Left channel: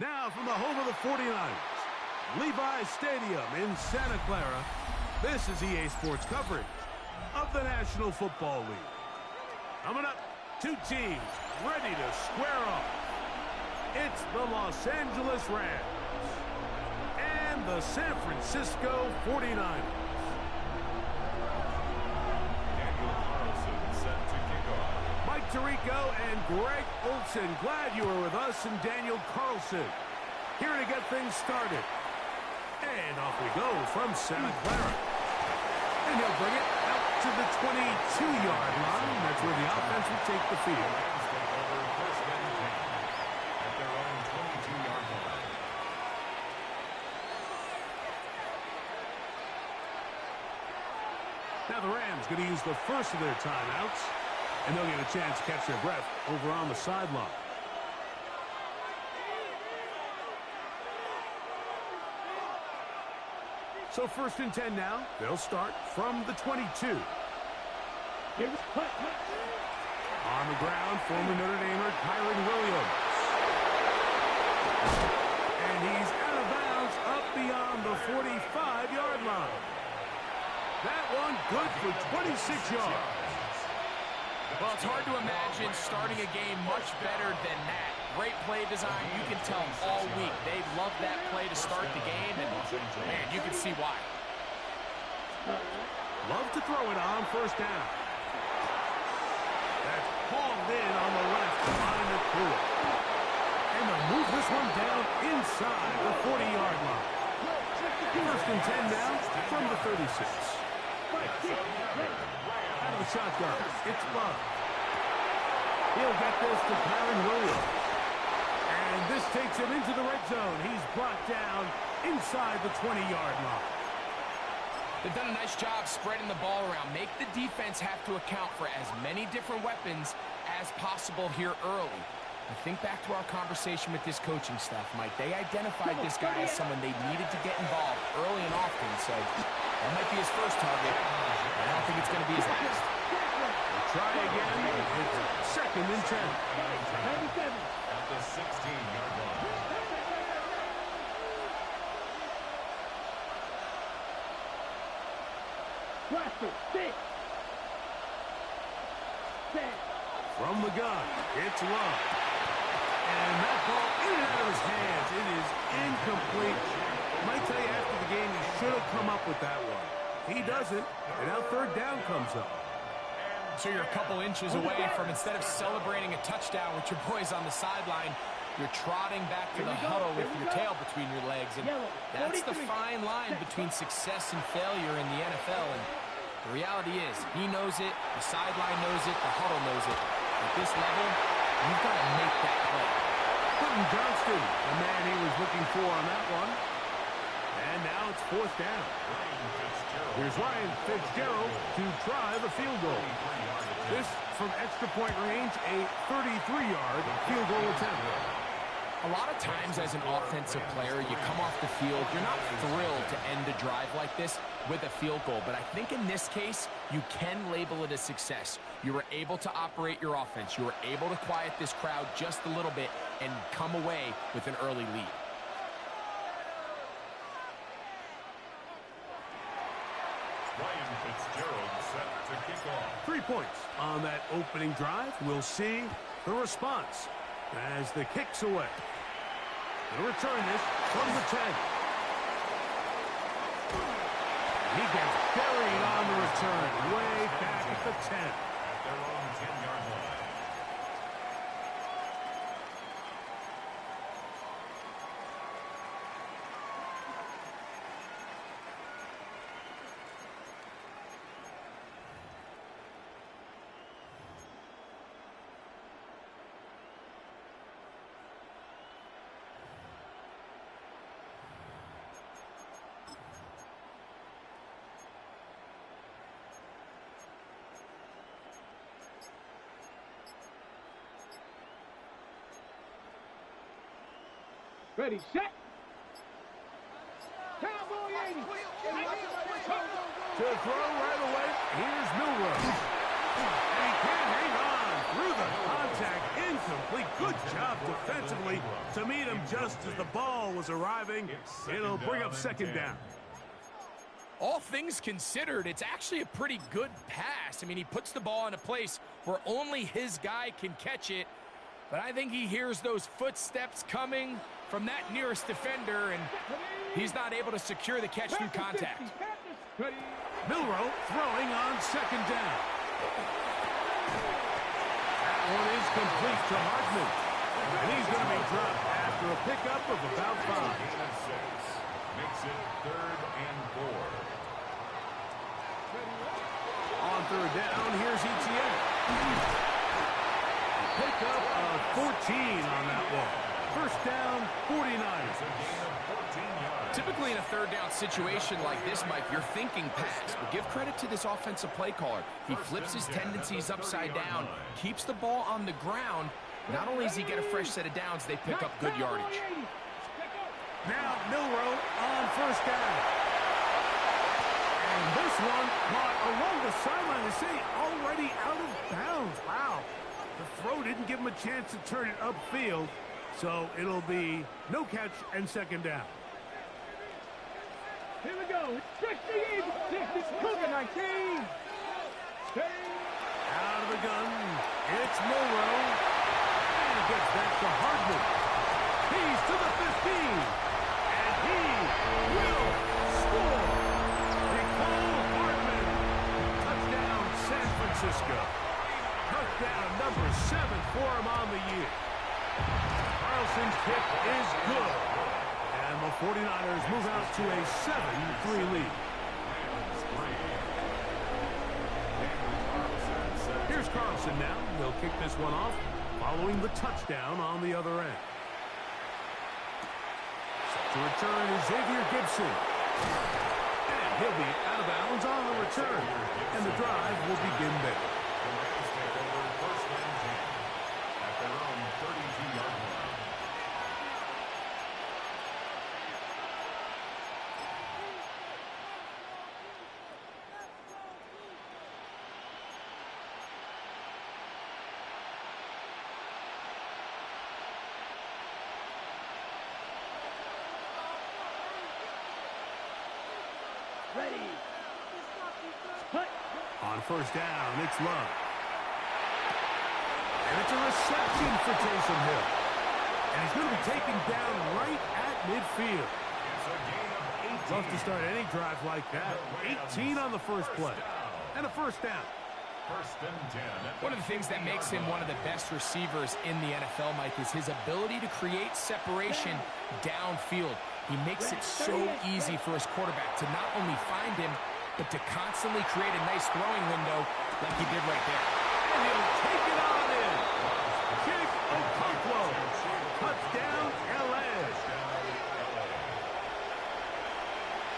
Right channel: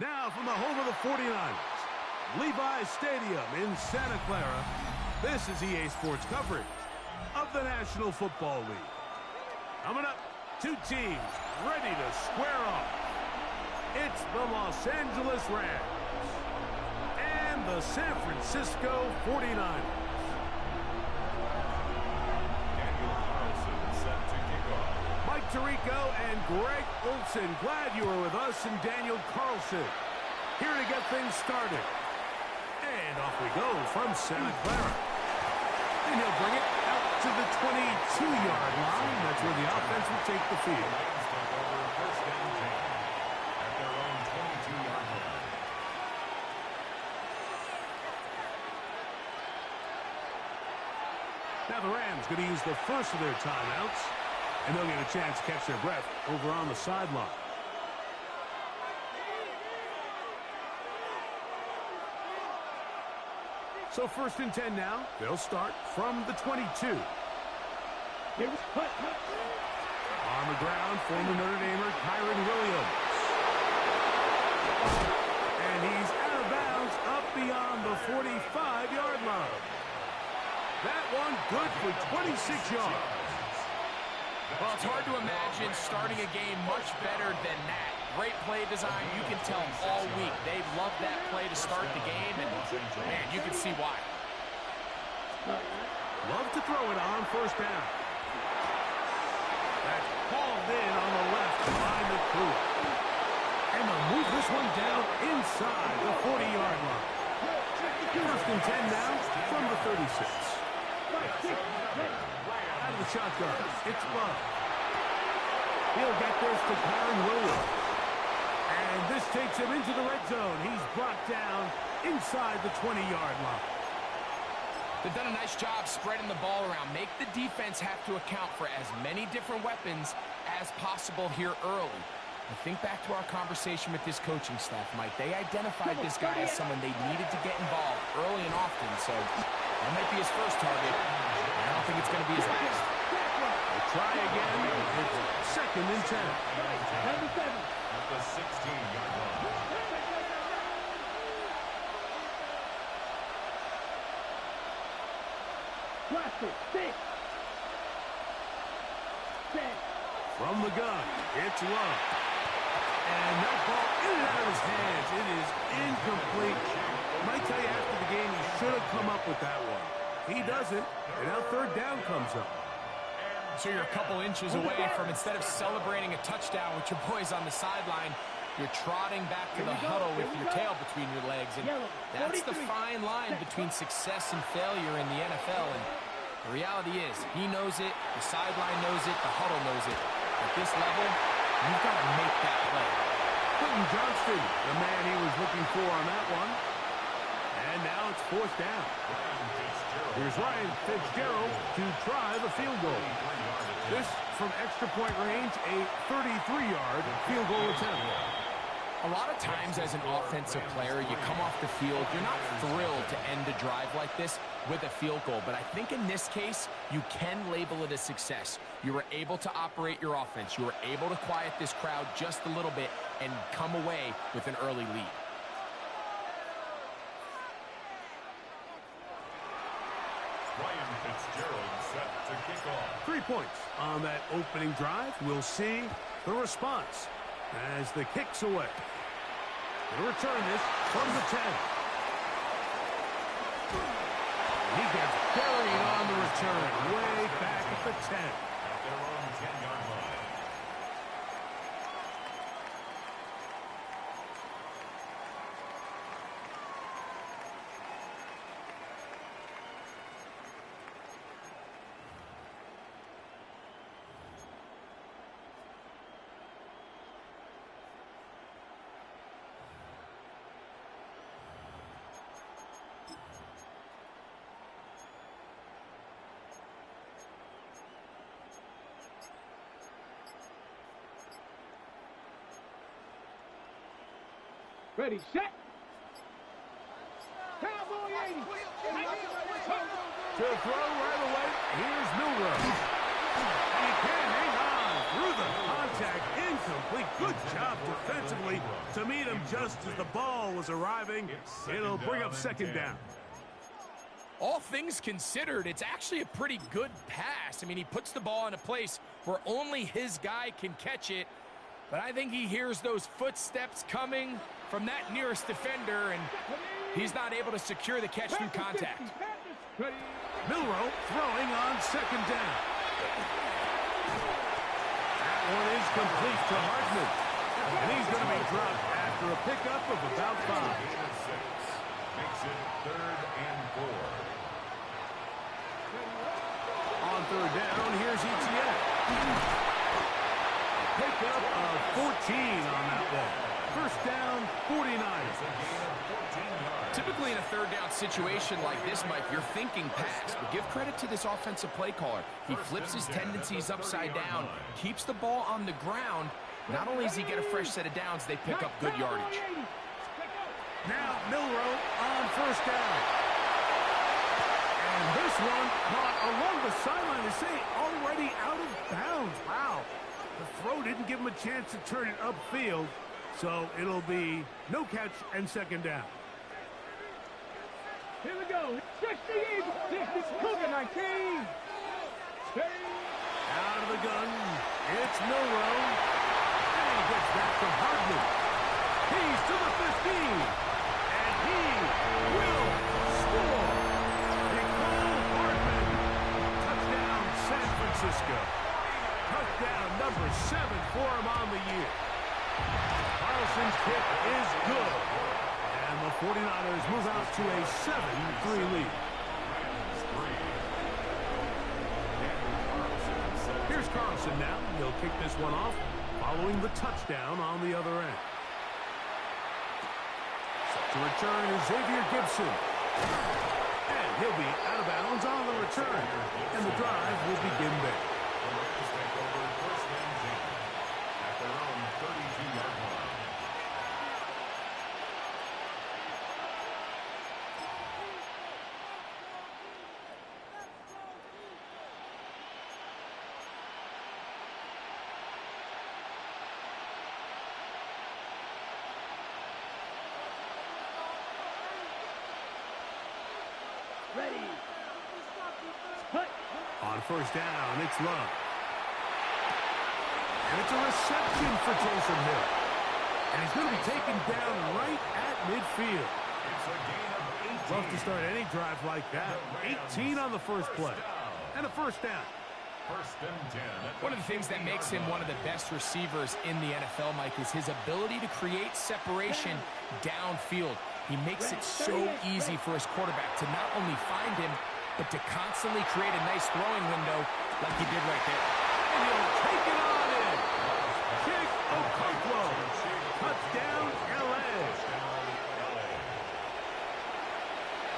Now from the home of the 49ers, Levi's Stadium in Santa Clara, this is EA Sports coverage of the National Football League. Coming up, two teams ready to square off. It's the Los Angeles Rams and the San Francisco 49ers. Mike Tirico and Greg Olson, glad you were with us, and Daniel Carlson here to get things started. And off we go from Santa Clara. And he'll bring it out to the 22-yard line. That's where the offense will take the field. Rams take over first and 10 at their own 22-yard line. Now the Rams going to use the first of their timeouts. And they'll get a chance to catch their breath over on the sideline. So first and 10 now. They'll start from the 22. On the ground, former Notre Damer Kyron Williams. And he's out of bounds up beyond the 45-yard line. That one good for 26 yards. Well, it's hard to imagine starting a game much better than that. Great play design. You can tell all week they love that play to start the game, and, man, you can see why. Love to throw it on first down. That's hauled in on the left behind the Tua. And they'll move this one down inside the 40-yard line. First and 10 now from the 36. Out of the shotgun, it's Love. He'll get this to Kyron Williams. And this takes him into the red zone. He's brought down inside the 20-yard line. They've done a nice job spreading the ball around. Make the defense have to account for as many different weapons as possible here early. I think back to our conversation with this coaching staff, Mike. They identified this guy as someone they needed to get involved early and often, so that might be his first target. I don't think it's going to be his last. We'll try again. It's second and 10. At the 16-yard line. From the gun, it's Love. And that ball in and out of his hands. It is incomplete. Might tell you after the game he should have come up with that one. He doesn't, and now third down comes up. So you're a couple inches away from, instead of celebrating a touchdown with your boys on the sideline, you're trotting back to the huddle with your tail between your legs. And that's the fine line between success and failure in the NFL. And the reality is, he knows it, the sideline knows it, the huddle knows it. At this level, you've got to make that play. Quentin Johnston, the man he was looking for on that one. And now it's fourth down. Here's Ryan Fitzgerald to try the field goal. This from extra point range, a 33-yard field goal attempt. A lot of times as an offensive player, you come off the field, you're not thrilled to end a drive like this with a field goal. But I think in this case, you can label it a success. You were able to operate your offense. You were able to quiet this crowd just a little bit and come away with an early lead. Ryan Fitzgerald set to kick off. 3 points on that opening drive. We'll see the response as the kick's away. He'll return this from the 10. And he gets buried on the return way back at the 10. At their own 10-yard line. Ready, set. Cowboy 80. To throw right away, here's Milrow. And he can't hang on through the contact. Incomplete Good job defensively to meet him just as the ball was arriving. It'll bring up second down. All things considered, it's actually a pretty good pass. I mean, he puts the ball in a place where only his guy can catch it. But I think he hears those footsteps coming from that nearest defender, and he's not able to secure the catch through contact. Milroe throwing on second down. That one is complete to Hartman. And he's going to be dropped after a pickup of about 5. Gain of 6. Makes it 3rd and 4. On third down, here's Etienne. A pickup of 14 on that one. First down, 49. It's a gain of 14 yards. Typically in a third down situation like this, Mike, you're thinking pass. But give credit to this offensive play caller. He flips his tendencies upside down, keeps the ball on the ground. Not only does he get a fresh set of downs, they pick up good yardage. Now Milroe on first down. And this one caught along the sideline. They say already out of bounds. Wow. The throw didn't give him a chance to turn it upfield. So it'll be no catch and second down. Here we go. 60, 19. Out of the gun. It's Milroe. And he gets back to Hardman. He's to the 15. And he will score. Nicole Hardman. Touchdown, San Francisco. Touchdown number 7 for him on the year. Carlson's kick is good. And the 49ers move out to a 7-3 lead. Here's Carlson now. He'll kick this one off following the touchdown on the other end. Set to return is Xavier Gibson. And he'll be out of bounds on the return. And the drive will begin there. The Rams take over 1st and 10 at their own 32-yard line. Ready. On first down, it's Love. And it's a reception for Taysom Hill. And he's going to be taken down right at midfield. It's a gain of 18. Love to start any drive like that. 18 on the first play. And a first down. 1st and 10. One of the things that makes him one of the best receivers in the NFL, Mike, is his ability to create separation downfield. He makes it so easy for his quarterback to not only find him, but to constantly create a nice throwing window like he did right there. And he'll take it on in. Kick Okonkwo. Touchdown, L.A.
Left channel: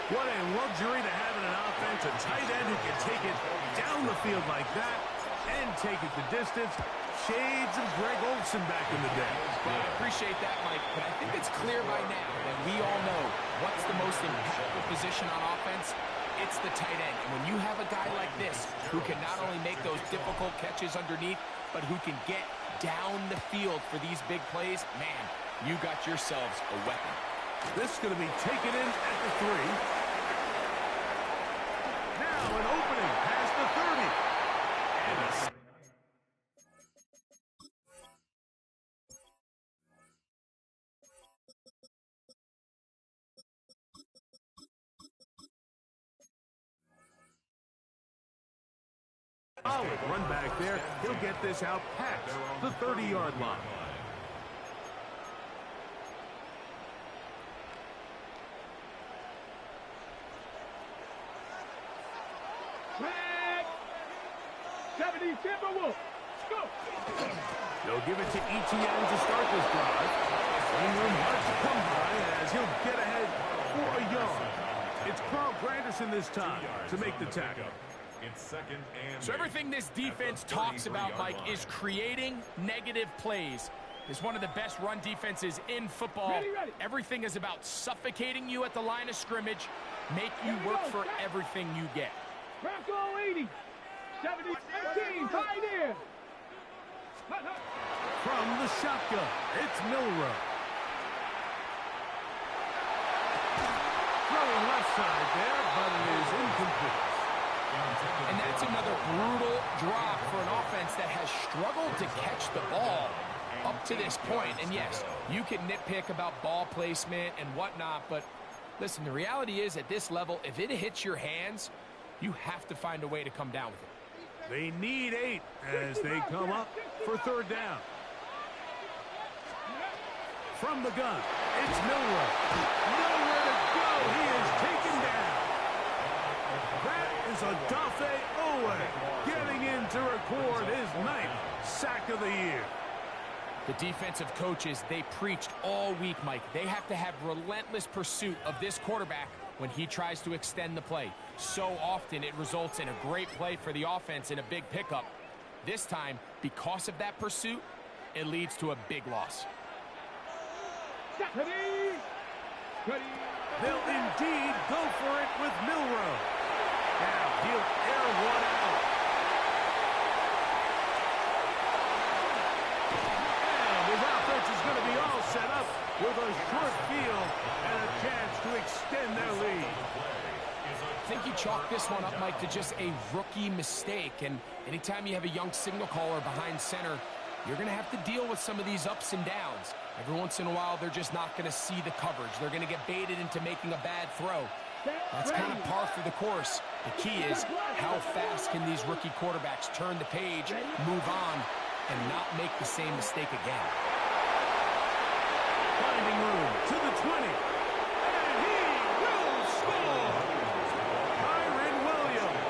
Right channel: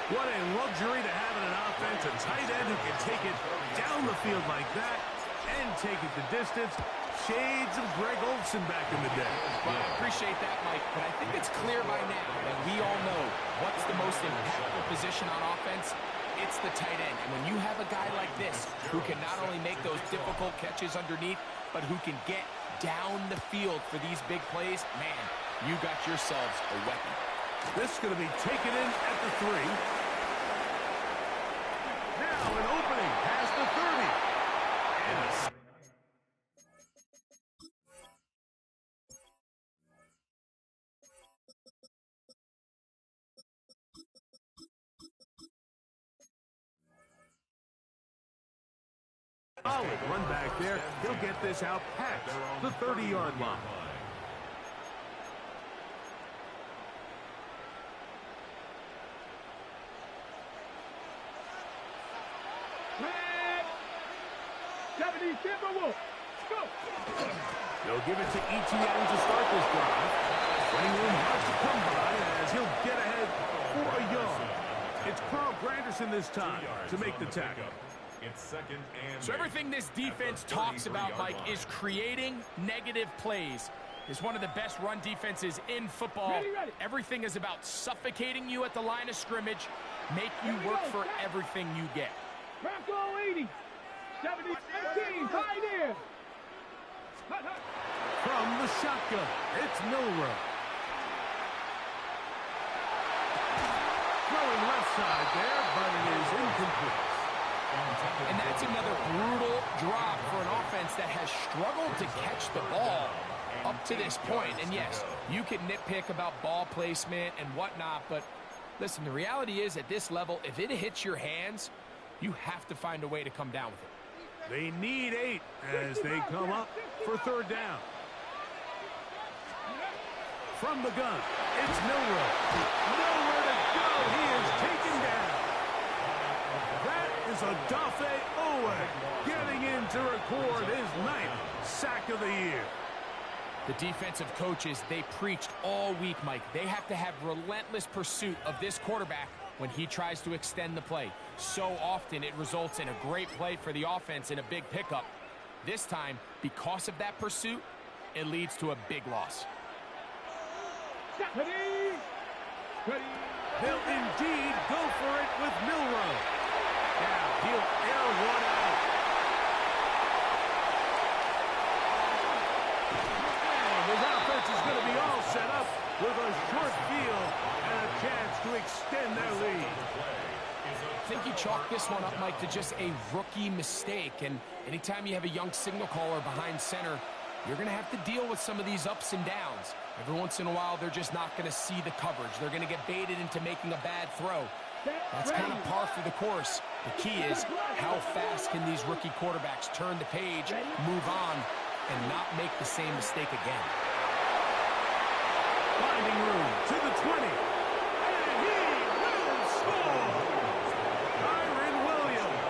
What a luxury to have in an offense, a tight end who can take it down the field like that and take it the distance. Shades of Greg Olsen back in the day. Well, I appreciate that, Mike, but I think it's clear by now that we all know what's the most impactful position on offense. It's the tight end. And when you have a guy like this who can not only make those difficult catches underneath, but who can get down the field for these big plays, man, you got yourselves a weapon. This is going to be taken in at the 3. Now an opening past the 30. And a solid run back there. He'll get this out past the 30-yard line. Flag. 70 Timberwolves. Go. They'll give it to Etienne to start this drive. Running room hard to come by as he'll get ahead for a yard. It's Carl Granderson this time to make the tackle. It's 2nd and So everything this defense talks about, Mike, is creating negative plays. It's one of the best run defenses in football. Ready. Everything is about suffocating you at the line of scrimmage, make you work for everything you get. Bronco 80. 70 18. Tight end. From the the shotgun. It's Milrow. Throwing left side there, but it is incomplete. And that's another brutal drop for an offense that has struggled to catch the ball up to this point. And yes, you can nitpick about ball placement and whatnot, but listen, the reality is at this level, if it hits your hands, you have to find a way to come down with it. They need 8 as they come up for third down. From the gun, it's Milrow. Nowhere to go. He is taken down. That is a Dafe Owe getting in to record his 9th sack of the year. The defensive coaches, they preached all week, Mike. They have to have relentless pursuit of this quarterback when he tries to extend the play. So often it results in a great play for the offense and a big pickup. This time, because of that pursuit, it leads to a big loss. They'll indeed go for it with Milrow. Now he'll air one out. And his offense is going to be all set up with a short field and a chance to extend their lead. I think you chalk this one up, Mike, to just a rookie mistake. And anytime you have a young signal caller behind center, you're going to have to deal with some of these ups and downs. Every once in a while, they're just not going to see the coverage. They're going to get baited into making a bad throw. That's kind of par for the course. The key is how fast can these rookie quarterbacks turn the page, move on, and not make the same mistake again. Finding room to the 20. And he will score! Kyron Williams.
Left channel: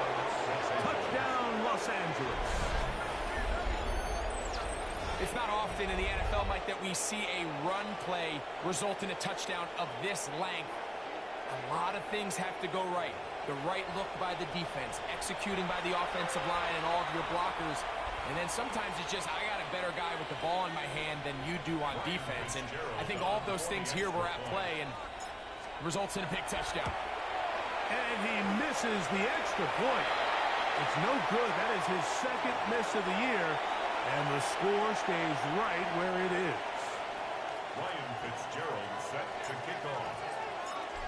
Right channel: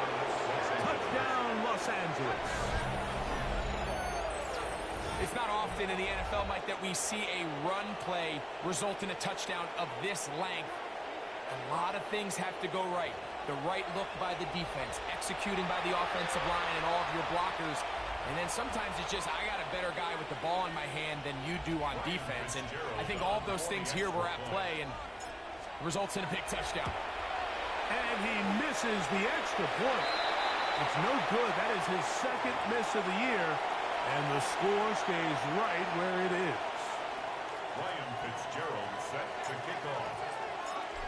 Touchdown, Los Angeles. It's not often in the NFL, Mike, that we see a run play result in a touchdown of this length. A lot of things have to go right. The right look by the defense, executing by the offensive line and all of your blockers. And then sometimes it's just, I got a better guy with the ball in my hand than you do on defense. And I think all of those things here were at play and results in a big touchdown. And he misses the extra point. It's no good. That is his 2nd miss of the year. And the score stays right where it is. Ryan Fitzgerald set to kick off.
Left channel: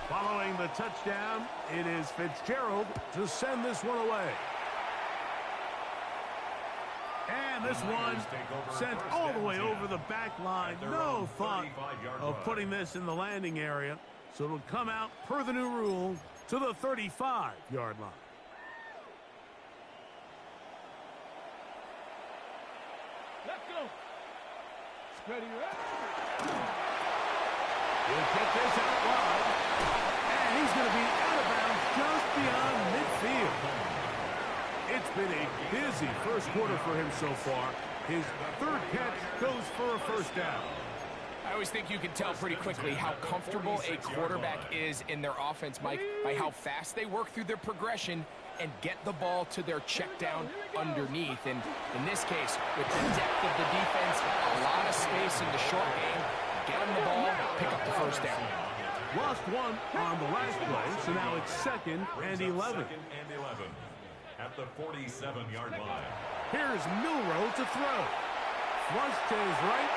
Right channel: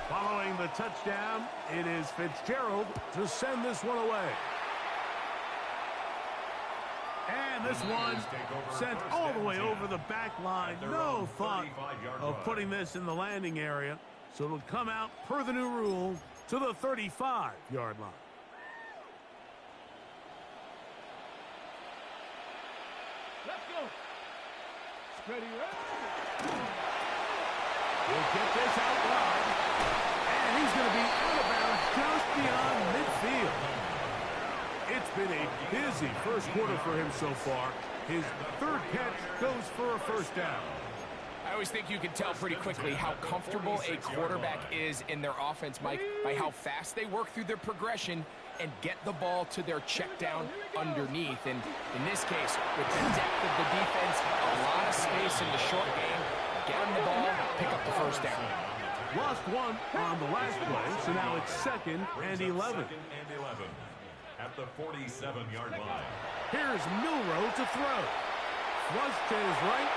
Following the touchdown, it is Fitzgerald to send this one away. And this one sent all the way over the back line. No thought of putting this in the landing area. So it'll come out per the new rule to the 35-yard line. Let's go. Ready, ready. He'll get this out wide. And he's going to be out of bounds just beyond midfield. It's been a busy first quarter for him so far. His 3rd catch goes for a first down. I always think you can tell pretty quickly how comfortable a quarterback is in their offense, Mike, by how fast they work through their progression and get the ball to their check down underneath. And in this case, with the depth of the defense, a lot of space in the short game, get them the ball, pick up the first down. Lost one on the last play, so now it's 2nd and 11. At the 47-yard line. Here's Milrow to throw. Flush to his right.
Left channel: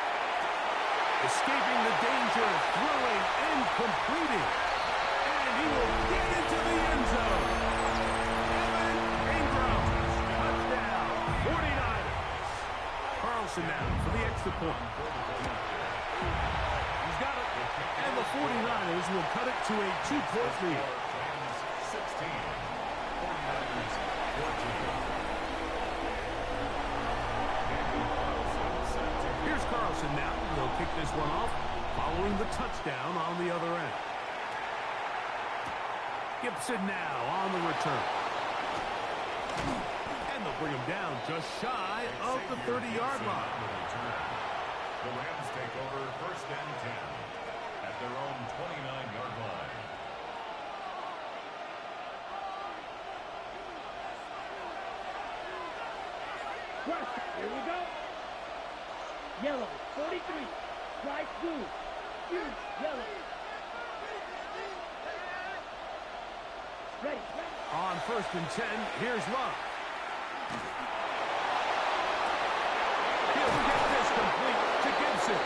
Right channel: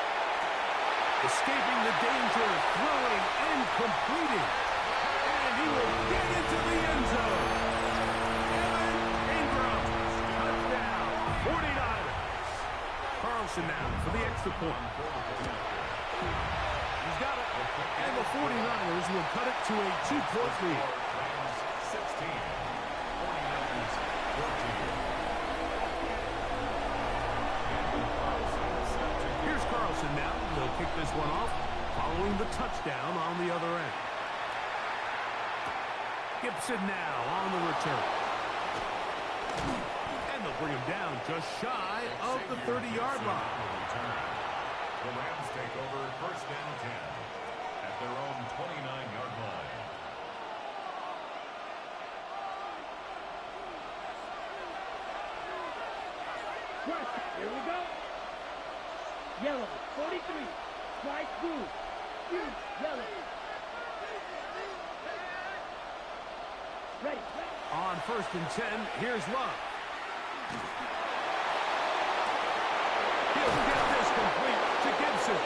Escaping the danger, throwing and completing. And he will get into the end zone. Evan Ingram, touchdown, 49ers. Carlson now for the extra point. He's got it. And the 49ers will cut it to a 2-point lead. 16, 49ers 14. Here's Carlson now. He'll kick this one off, following the touchdown on the other end. Gibson now on the return. And they'll bring him down just shy of the 30-yard line. The Rams take over 1st and 10 at their own 29-yard line. Here we go. Yellow, 43. Strike blue. Huge yellow. Ready. On 1st and 10, here's Love. He'll get this complete to get it.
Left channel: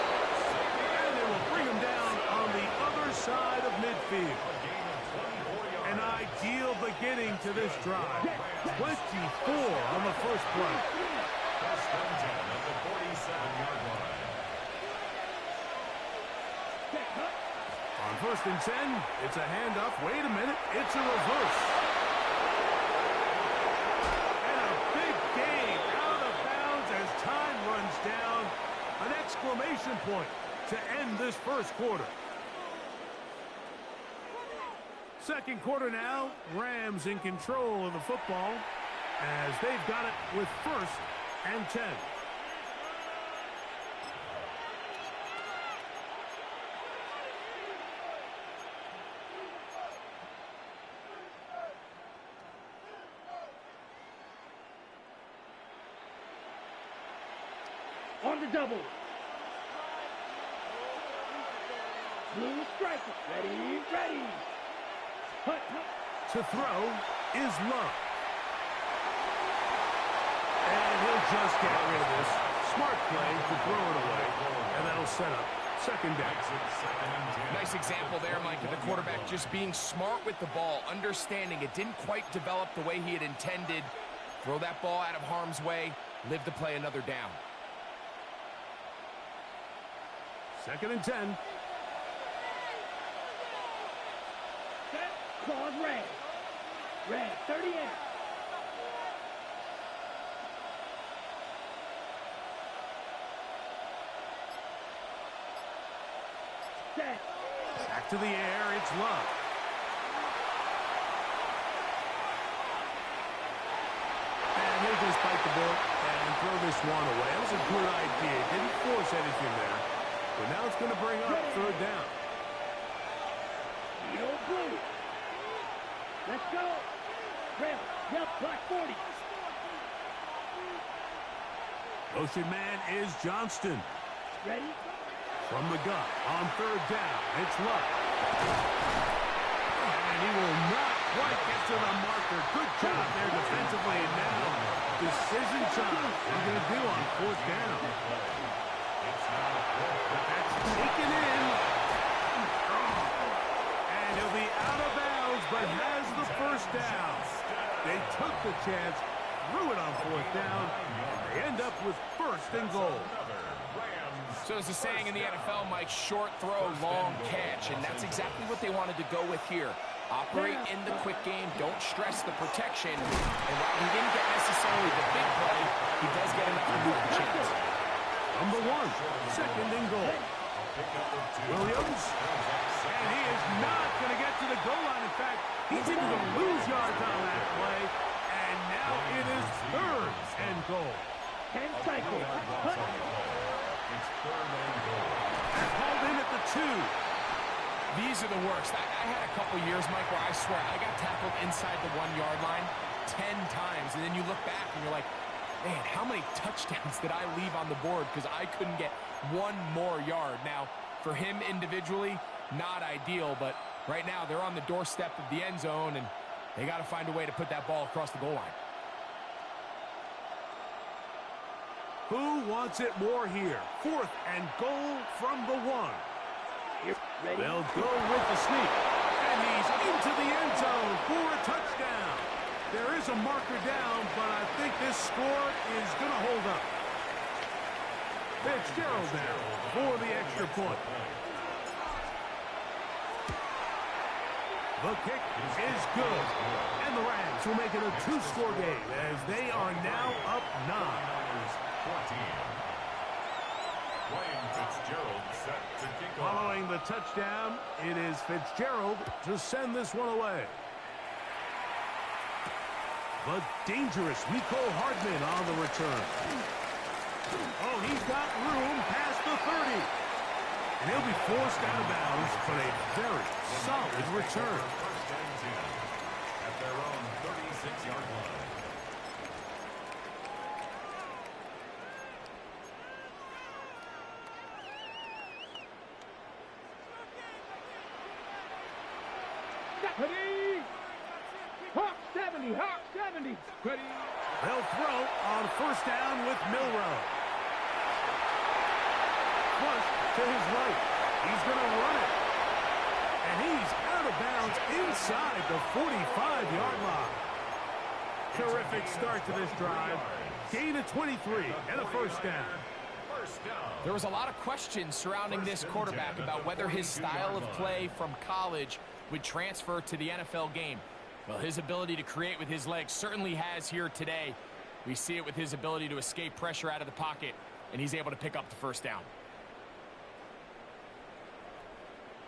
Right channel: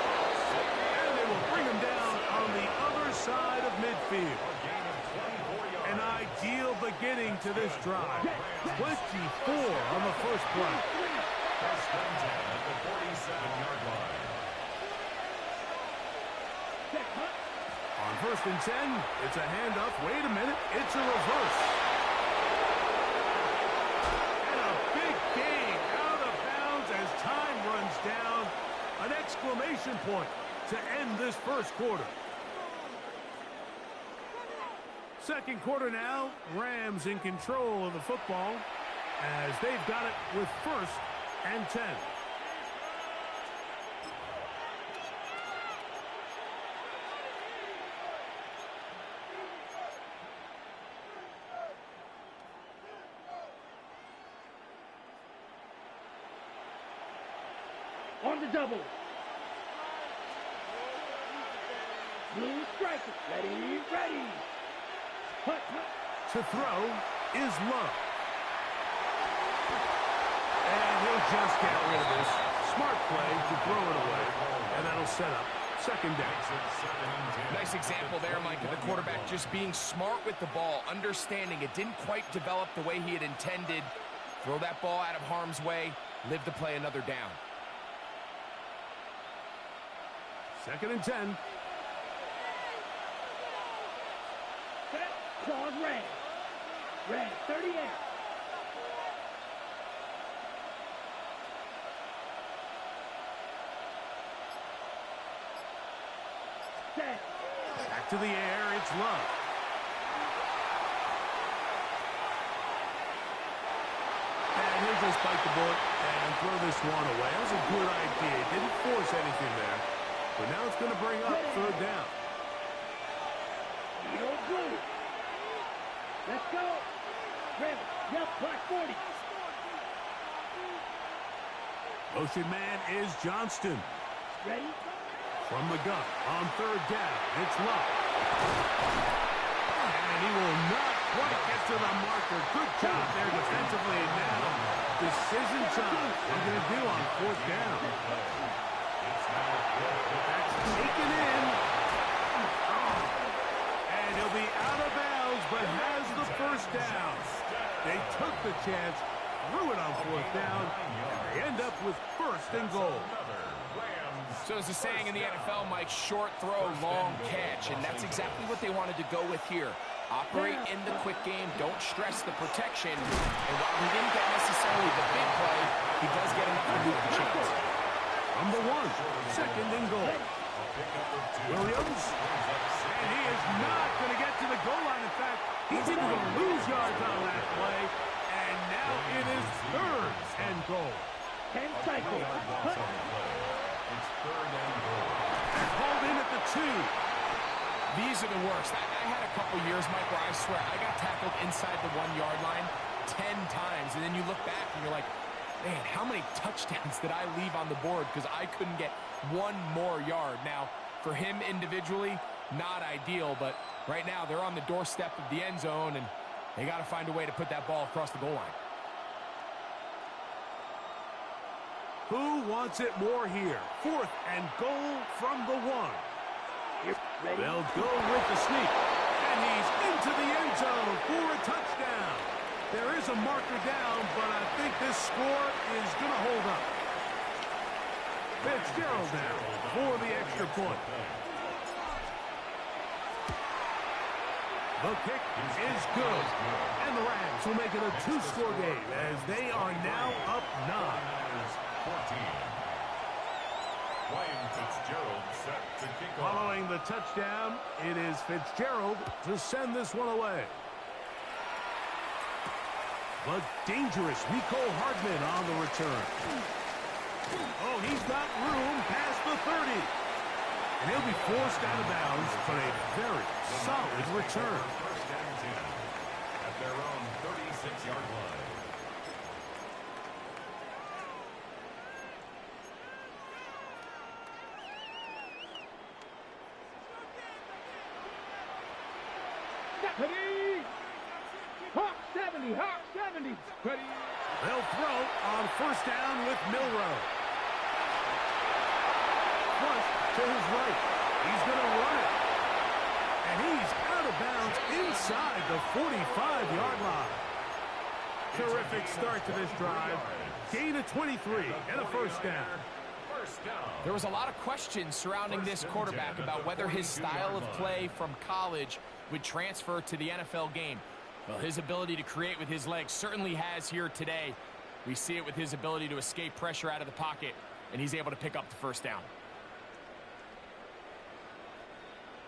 And they will bring him down on the other side of midfield. An ideal beginning to this drive. 24 on the first play. First and 10 at the 47-yard line. On first and 10, it's a handoff. Wait a minute, it's a reverse. And a big gain out of bounds as time runs down. An exclamation point to end this first quarter. Second quarter now, Rams in control of the football as they've got it with first and 10. On the double. Blue striker. Ready, ready. Hut, hut. To throw is Love. And he'll just get rid of this. Smart play to throw it away. And that'll set up second down. Nice example there, Mike, of the quarterback just being smart with the ball, understanding it didn't quite develop the way he had intended. Throw that ball out of harm's way, live to play another down. Second and 10. Set. Claws red. Red, 38. Set. Back to the air, it's Love. And he'll just bite the bullet and throw this one away. That was a good idea. Didn't force anything there. But now it's going to bring up third down. Yellow, blue. Let's go. Red, yellow, black 40. Motion man is Johnston. Ready? From the gun on third down, it's Love. And he will not quite get to the marker. Good job there defensively. And now decision time. What are they going to do on fourth down? That's taken in. And he'll be out of bounds, but has the first down. They took the chance, threw it on fourth down, and they end up with first and goal. So as the saying in the NFL, Mike, short throw, long catch, and that's exactly what they wanted to go with here. Operate in the quick game, don't stress the protection, and while he didn't get necessarily the big play, he does get enough to move the chains. Number one, second and goal. Williams, and he is not going to get to the goal line. In fact, he's even going to lose yards on that play, and now it is third and goal. 10 cycles. It's third and goal. They're called in at the 2. These are the worst. I had a couple years, Mike, where I swear I got tackled inside the 1 yard line 10 times, and then you look back and you're like, man, how many touchdowns did I leave on the board because I couldn't get one more yard? Now, for him individually, not ideal, but right now they're on the doorstep of the end zone, and they got to find a way to put that ball across the goal line. Who wants it more here? Fourth and goal from the 1. Ready? They'll go with the sneak, and he's into the end zone for a touchdown. There is a marker down, but I think this score is going to hold up. Fitzgerald now for the extra point. The kick is good, and the Rams will make it a 2-score game as they are now up 9. 14. Ryan Fitzgerald set to kick off. Following the touchdown, it is Fitzgerald to send this one away. The dangerous Mecole Hardman on the return. Oh, he's got room past the 30. And he'll be forced out of bounds, but a very solid return. First and 10 at their own 36-yard line. Ready? Hawk 70, Hawk 70. Ready? They'll throw on first down with Milrow. flush to his right. He's going to run it. And he's out of bounds inside the 45-yard line. Terrific start to this drive. Gain of 23 and a first down. There was a lot of questions surrounding this quarterback about whether his style of play from college would transfer to the NFL game. Well, his ability to create with his legs certainly has here today. We see it with his ability to escape pressure out of the pocket, and he's able to pick up the first down.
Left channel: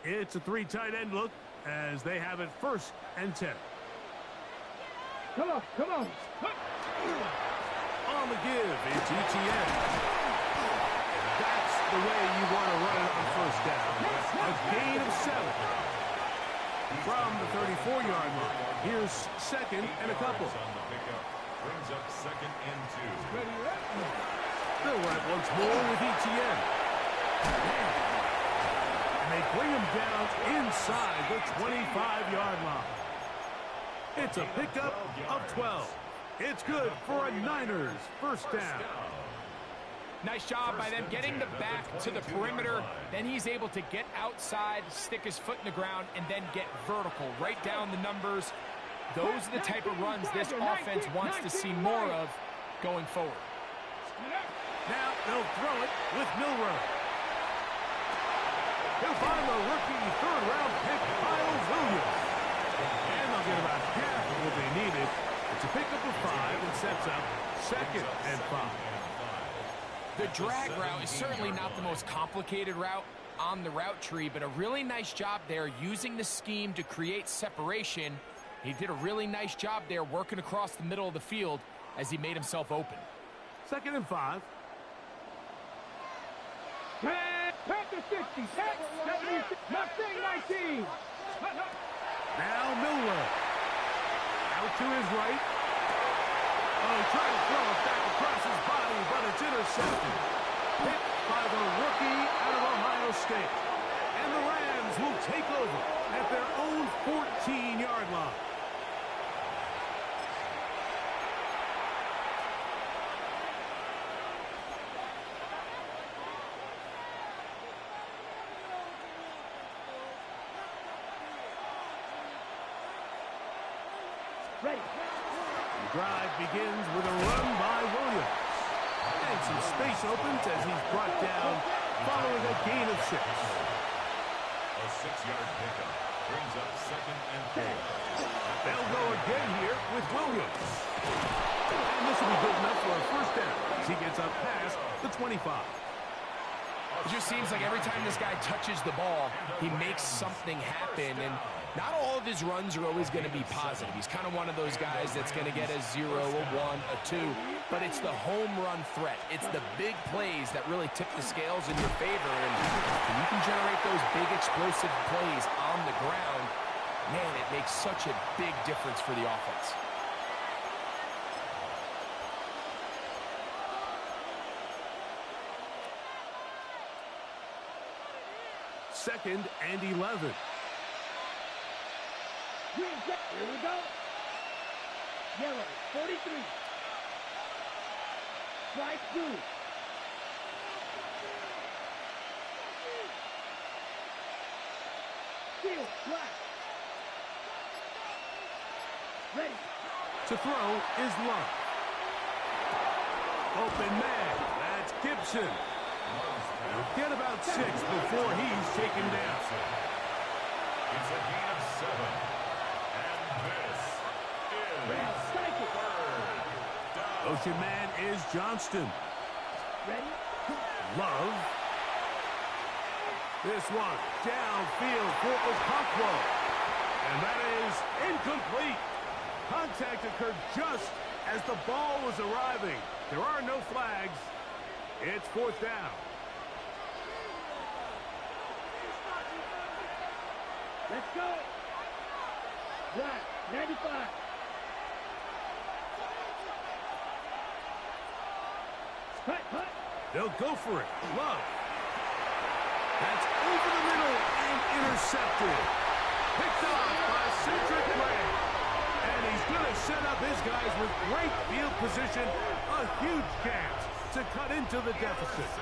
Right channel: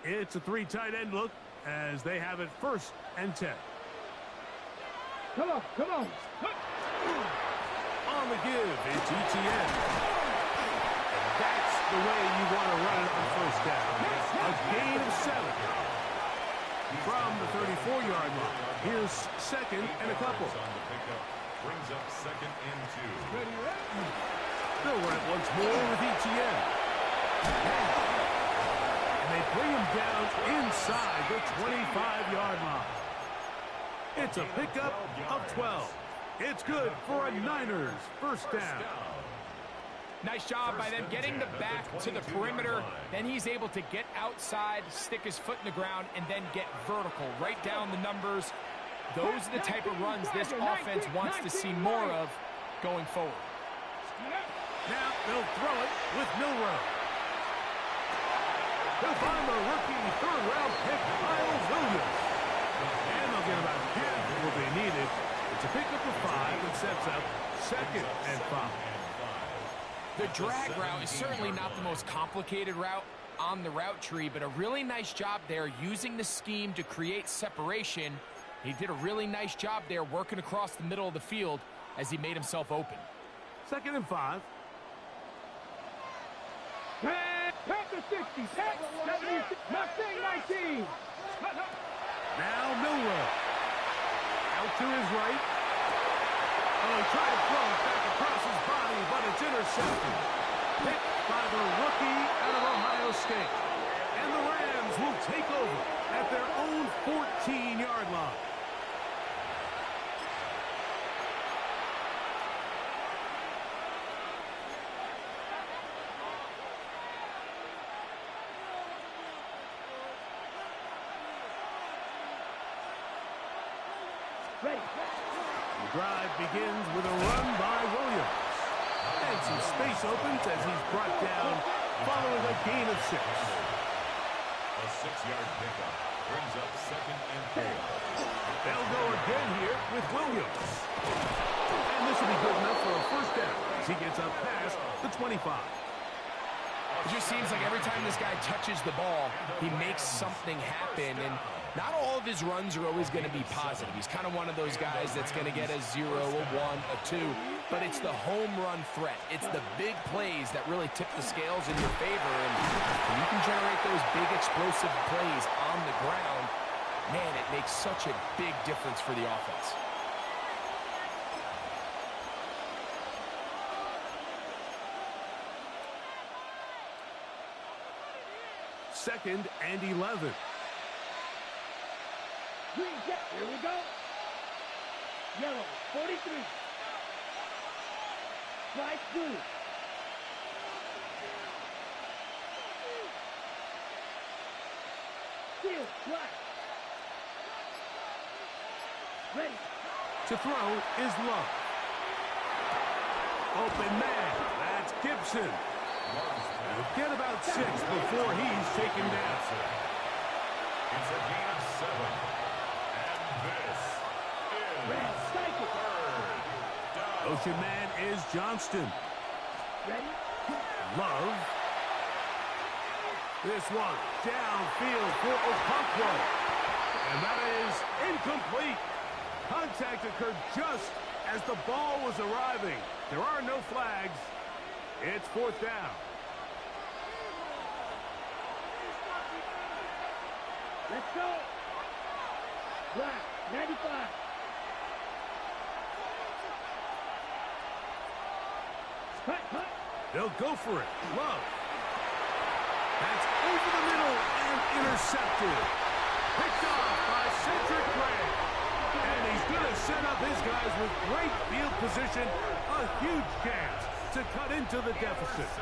It's a three tight end look as they have it 1st and 10. Come on, come on. On the give, it's ETN. And that's the way you want to run it on first down. A gain of 7. From the 34-yard line. Here's 2nd and a couple. Brings up 2nd and 2. They'll run it once more with ETN. And they bring him down inside the 25-yard line. It's a pickup of 12. It's good for a Niners first down. Nice job by them getting the back to the perimeter. Then he's able to get outside, stick his foot in the ground, and then get vertical right down the numbers. Those are the type of runs this offense wants to see more of going forward. Now they'll throw it with Milroe. He'll find the rookie 3rd-round pick, Kyle Williams. And they'll get about half of what they needed. It's a pickup of 5 and sets up 2nd and 5. The drag route is certainly not the most complicated route on the route tree, but a really nice job there using the scheme to create separation. He did a really nice job there working across the middle of the field as he made himself open. 2nd and 5. Pack the 60. Pack 70. Mustang 19. Now Milroe. Out to his right. Oh, he tried to throw it back across his body, but it's intercepted. Picked by the rookie out of Ohio State. And the Rams will take over at their own 14-yard line. Ready. The drive begins with a run by Williams. And some space opens as he's brought down following a gain of 6. A 6-yard pickup brings up 2nd and 4. They'll go again here with Williams. And this will be good enough for a first down as he gets up past the 25. It just seems like every time this guy touches the ball, he makes something happen. And not all of his runs are always going to be positive. He's kind of one of those guys that's going to get a 0, a 1, a 2. But it's the home run threat. It's the big plays that really tip the scales in your favor. And when you can generate those big explosive plays on the ground, man, it makes such a big difference for the offense. Second and 11. Here we go. Yellow, 43. Slice blue. Steel, black. Ready. To throw is Love. Open man. That's Gibson. He'll get about 6 before he's taken down. It's a gain of 7. And this is 3rd down. Ocean man is Johnston. Ready. Love. This one downfield for Okonkwo. And that is incomplete. Contact occurred just as the ball was arriving. There are no flags. It's 4th down. Let's go. Black, 95. Hut, hut. They'll go for it. Love. That's over the middle and intercepted. Picked off by Cedric Gray. And he's going to set up his guys with great field position. A huge chance to cut into the deficit.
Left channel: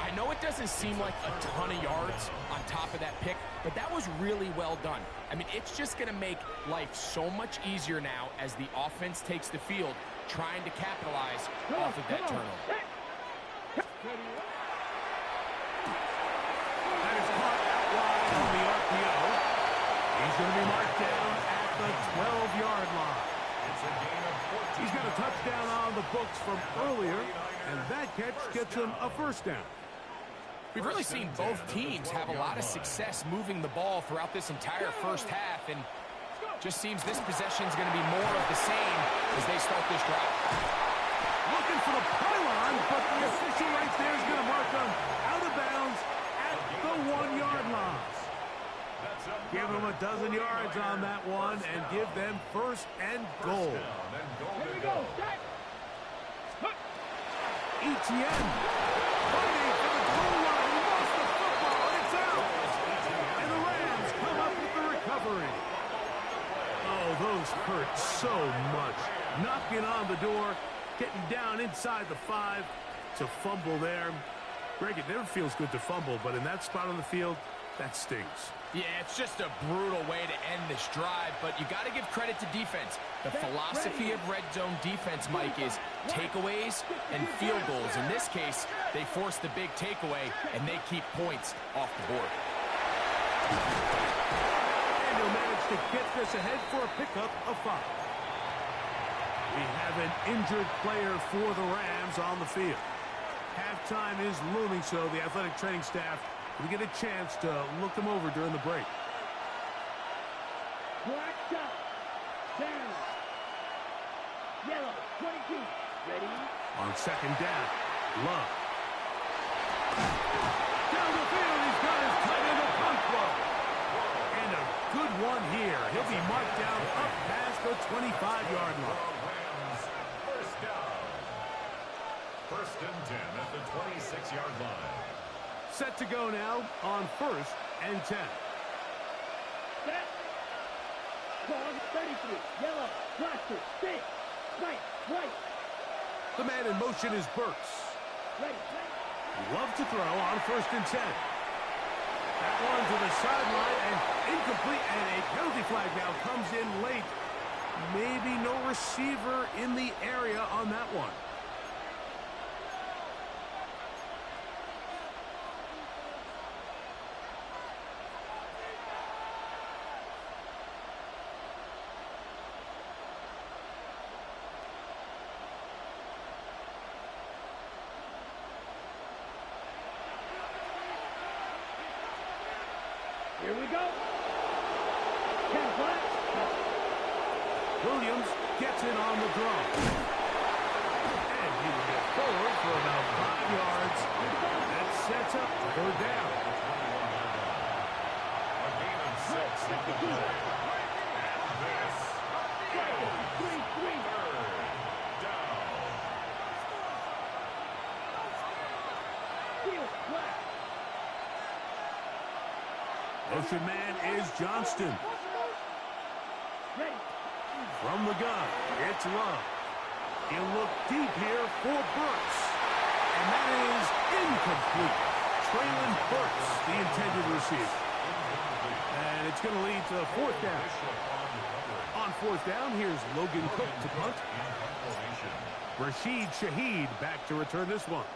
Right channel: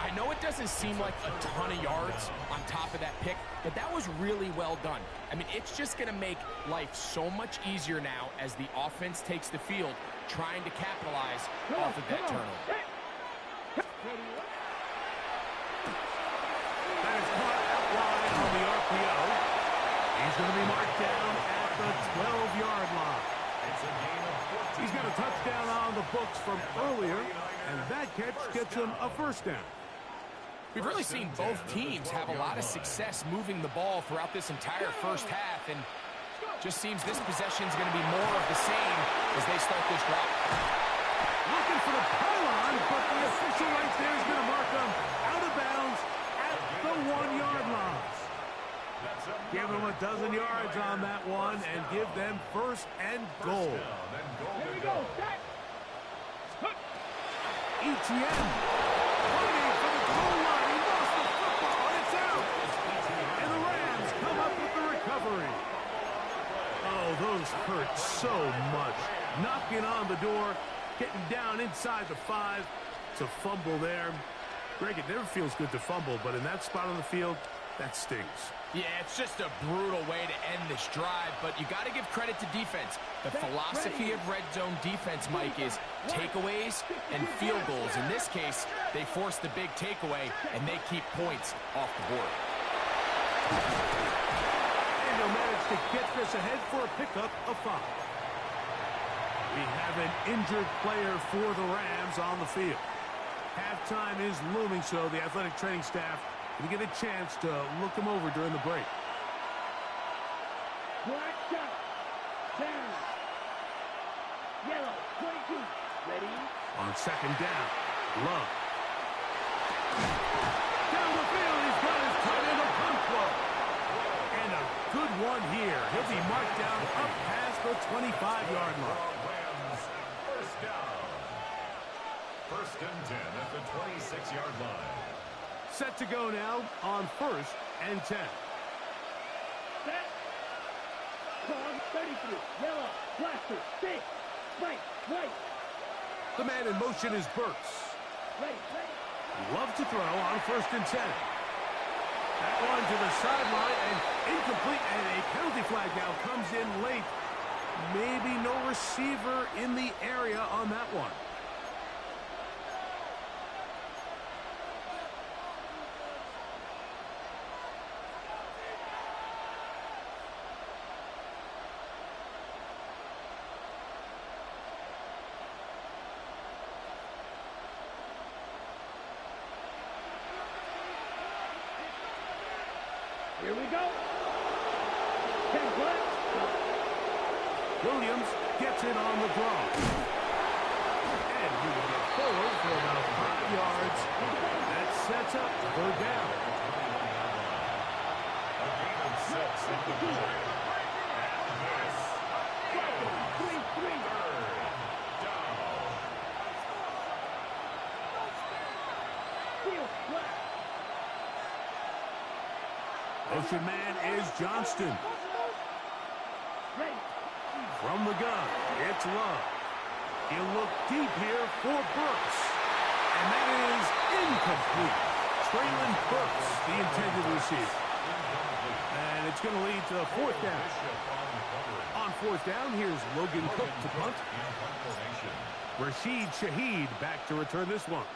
I know it doesn't seem like a ton of yards on top of that pick, but that was really well done. I mean, it's just going to make life so much easier now as the offense takes the field, trying to capitalize off of that turnover. That is caught out wide on the RPO. He's going to be marked down at the 12-yard line. It's a gain of 14. He's got a touchdown on the books from earlier, and that catch gets him a first down. We've really seen both teams have a lot of success moving the ball throughout this entire first half, and just seems this possession is going to be more of the same as they start this drive. Looking for the pylon, but the official right there is going to mark them out of bounds at the 1-yard line. Give them a dozen yards on that one and give them first and goal. Here we go. Etienne fighting for the goal line. He lost the football, and it's out. And the Rams come up with the recovery. Oh, those hurt so much. Knocking on the door, getting down inside the 5. It's a fumble there. Greg, it never feels good to fumble, but in that spot on the field, that stings. Yeah, it's just a brutal way to end this drive, but you got to give credit to defense. The philosophy of red zone defense, Mike, is takeaways and field goals. In this case, they force the big takeaway, and they keep points off the board. And he'll manage to get this ahead for a pickup of 5. We have an injured player for the Rams on the field. Halftime is looming, so the athletic training staff will get a chance to look him over during the break. Black shot. Down. Yellow. 22. Ready? On second down, Love. Down the field, he's got his tight end Okonkwo. And a good one here. He'll be marked down up past the 25-yard line. Rams, first down. First and 10 at the 26-yard line. Set to go now on first and 10. Set. Call 33. Yellow. Blaster. Stick. Right. Right. The man in motion is Burks. Ready. Ready. Love to throw on first and 10. That one to the sideline and incomplete, and a penalty flag now comes in late. Maybe no receiver in the area on that one. Here we go. 10 flat. Williams gets it on the draw. And he will get forward for about 5 yards. That sets up third down. A gain of 6 at the play. And this is 3. third down. Field flat. Motion man is Johnston. Ready. From the gun, it's Love. He'll look deep here for Burks. And that is incomplete. Traylon Burks, the intended receiver. And it's going to lead to fourth down. On fourth down, here's Logan Cook to punt. Rashid Shaheed back to return this one.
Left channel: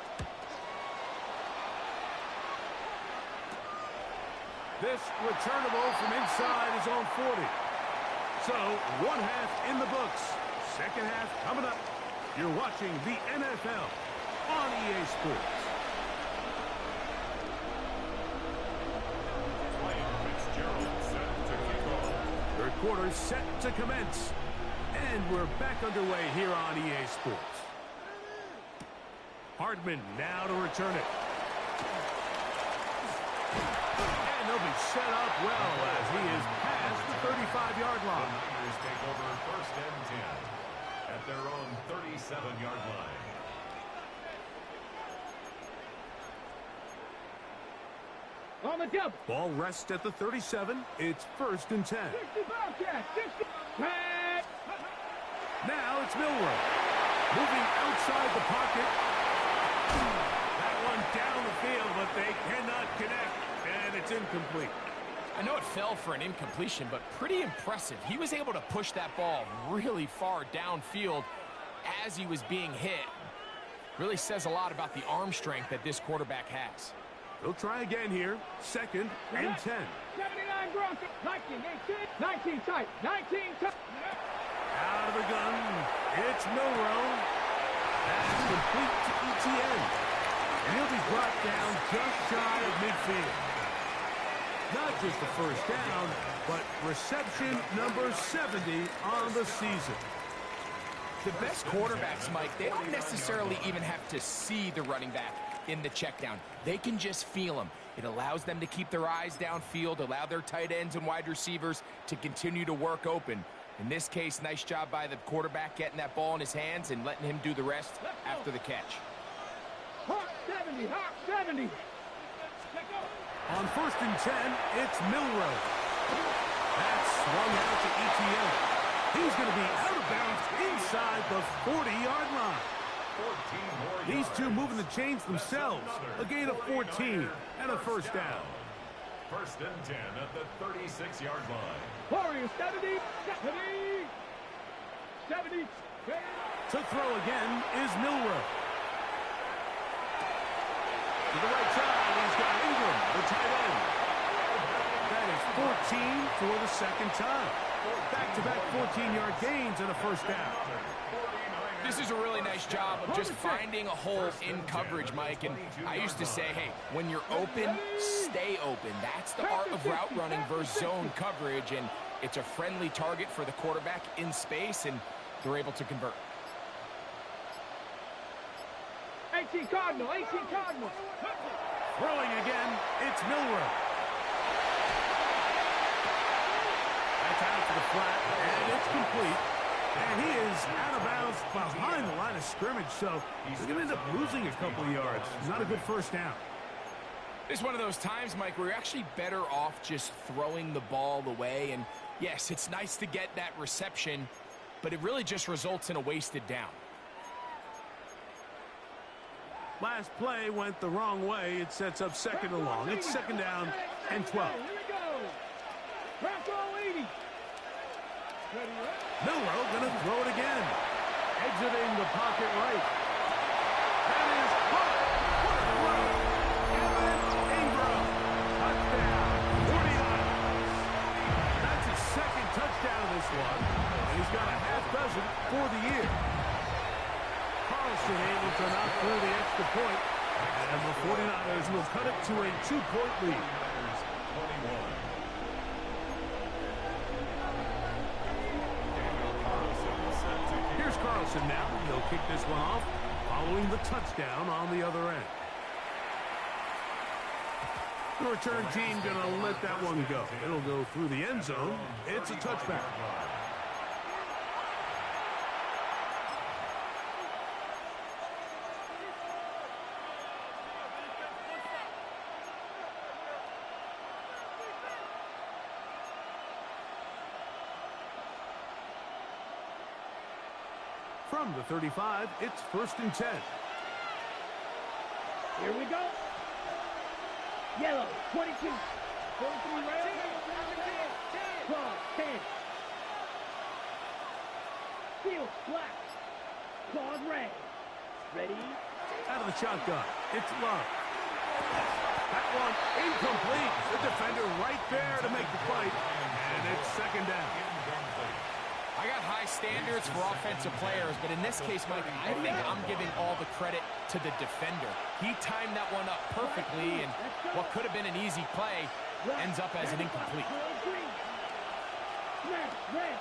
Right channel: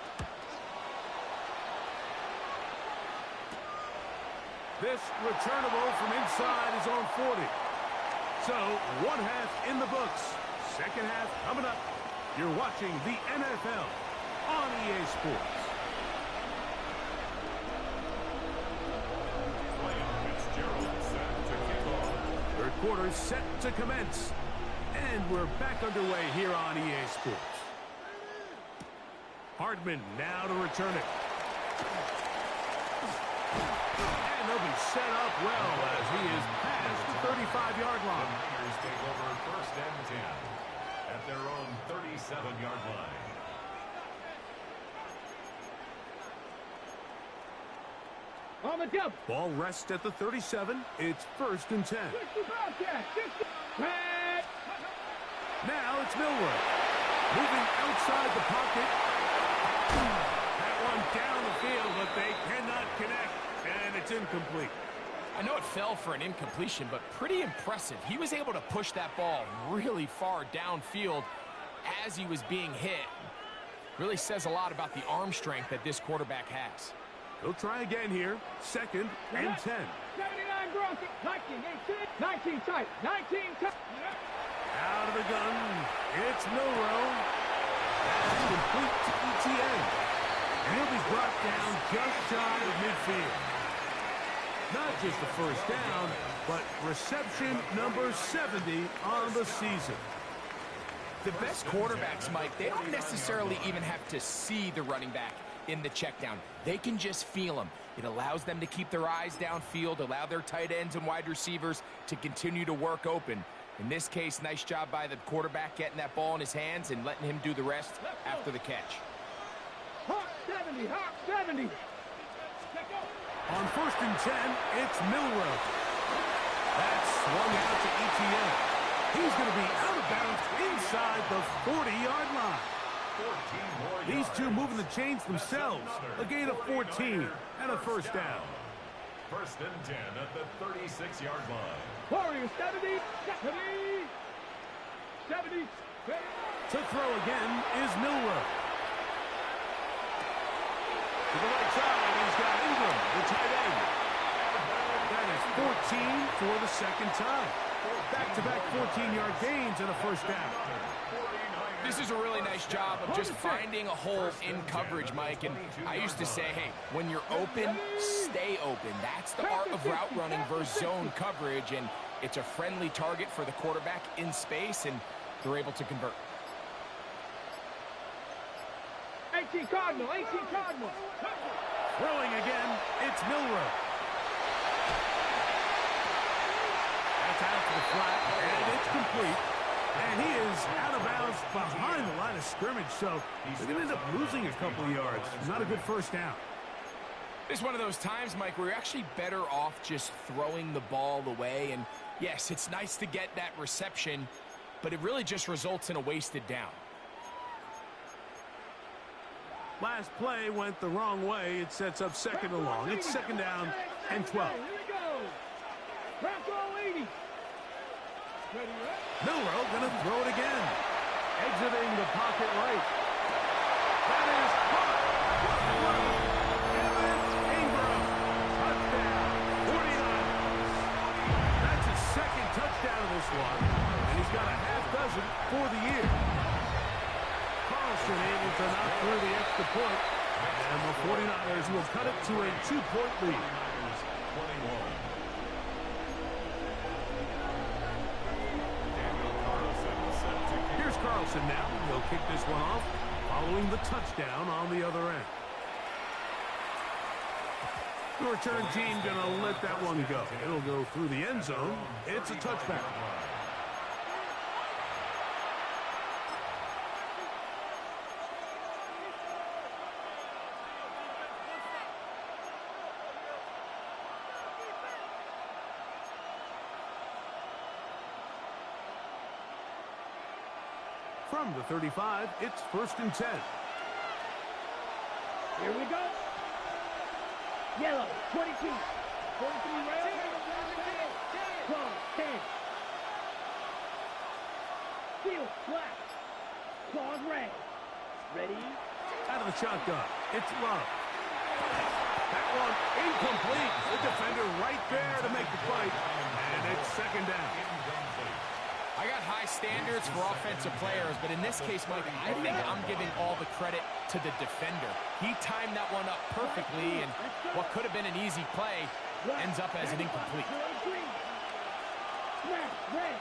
This returnable from inside his own 40. So, one half in the books. Second half coming up. You're watching the NFL on EA Sports. Fitzgerald set to kick off. Third quarter set to commence. And we're back underway here on EA Sports. Hardman now to return it. And they'll be set up well as he is past the 35-yard The line. Niners take over first and 10 at their own 37-yard line. On the double. Ball rests at the 37. It's first and 10. 60 Bobcat. 60. Pat. Now it's Milroe. Moving outside the pocket. That one down the field, but they cannot connect, and it's incomplete. I know it fell for an incompletion, but pretty impressive. He was able to push that ball really far downfield as he was being hit. Really says a lot about the arm strength that this quarterback has. He'll try again here. 2nd and 10. 79 Broncos. 19, 18, 19 tight. 19 tight. Out of the gun. It's Milroe. That's complete to ETN. And he'll be brought down just shy of midfield. Not just the first down, but reception number 70 on the season. The best quarterbacks, Mike, they don't necessarily even have to see the running back in the check down. They can just feel him. It allows them to keep their eyes downfield, allow their tight ends and wide receivers to continue to work open. In this case, nice job by the quarterback getting that ball in his hands and letting him do the rest after the catch. Hawk 70, Hawk 70. On 1st and 10, it's Milroe. That's swung out to ETN. He's going to be out of bounds inside the 40-yard line. 14 more These yards. two moving the chains themselves. A gain of 14 and a first down. 1st and 10 at the 36-yard line. Warriors 70, 70. To throw again is Milroe. To the right side, he's got Ingram, the tight end. That is 14 for the 2nd time. Back-to-back 14-yard gains and a first down. This is a really nice job of just finding a hole in coverage, Mike. And I used to say, hey, when you're open, stay open. That's the art of route running versus zone coverage. And it's a friendly target for the quarterback in space, and they're able to convert. 18 Cardinal, 18 Cardinal. Throwing again, it's Milroe. That's out to the flat, and it's complete. And he is out of bounds behind the line of scrimmage, so they're going to end up losing a couple of yards. Not a good first down. It's one of those times, Mike, where you're actually better off just throwing the ball away. And yes, it's nice to get that reception, but it really just results in a wasted down. Last play went the wrong way. It sets up 2nd and long. It's 2nd down and 12. Here we go. Bronco 80. Ready, Milroe going to throw it again. Exiting the pocket right. That is caught. What a throw. Evan Ingram. Touchdown. 49ers. That's his 2nd touchdown of this one. And he's got a half dozen for the year. Carlson able to knock through the extra point. And the 49ers will cut it to a 2-point lead. 21. Here's Carlson now. He'll kick this one off following the touchdown on the other end. The return team going to let that one go. It'll go through the end zone. It's a touchback. From the 35, it's 1st and 10. Here we go. Yellow, 22. 43 rail. 12, 10. Field, black. Claws, red. Ready? Out of the shotgun, it's Love. That one incomplete. The defender right there to make the fight. And it's 2nd down. I got high standards for offensive players, but in this case, Mike, I think I'm giving all the credit to the defender. He timed that one up perfectly, and what could have been an easy play ends up as an incomplete. Red.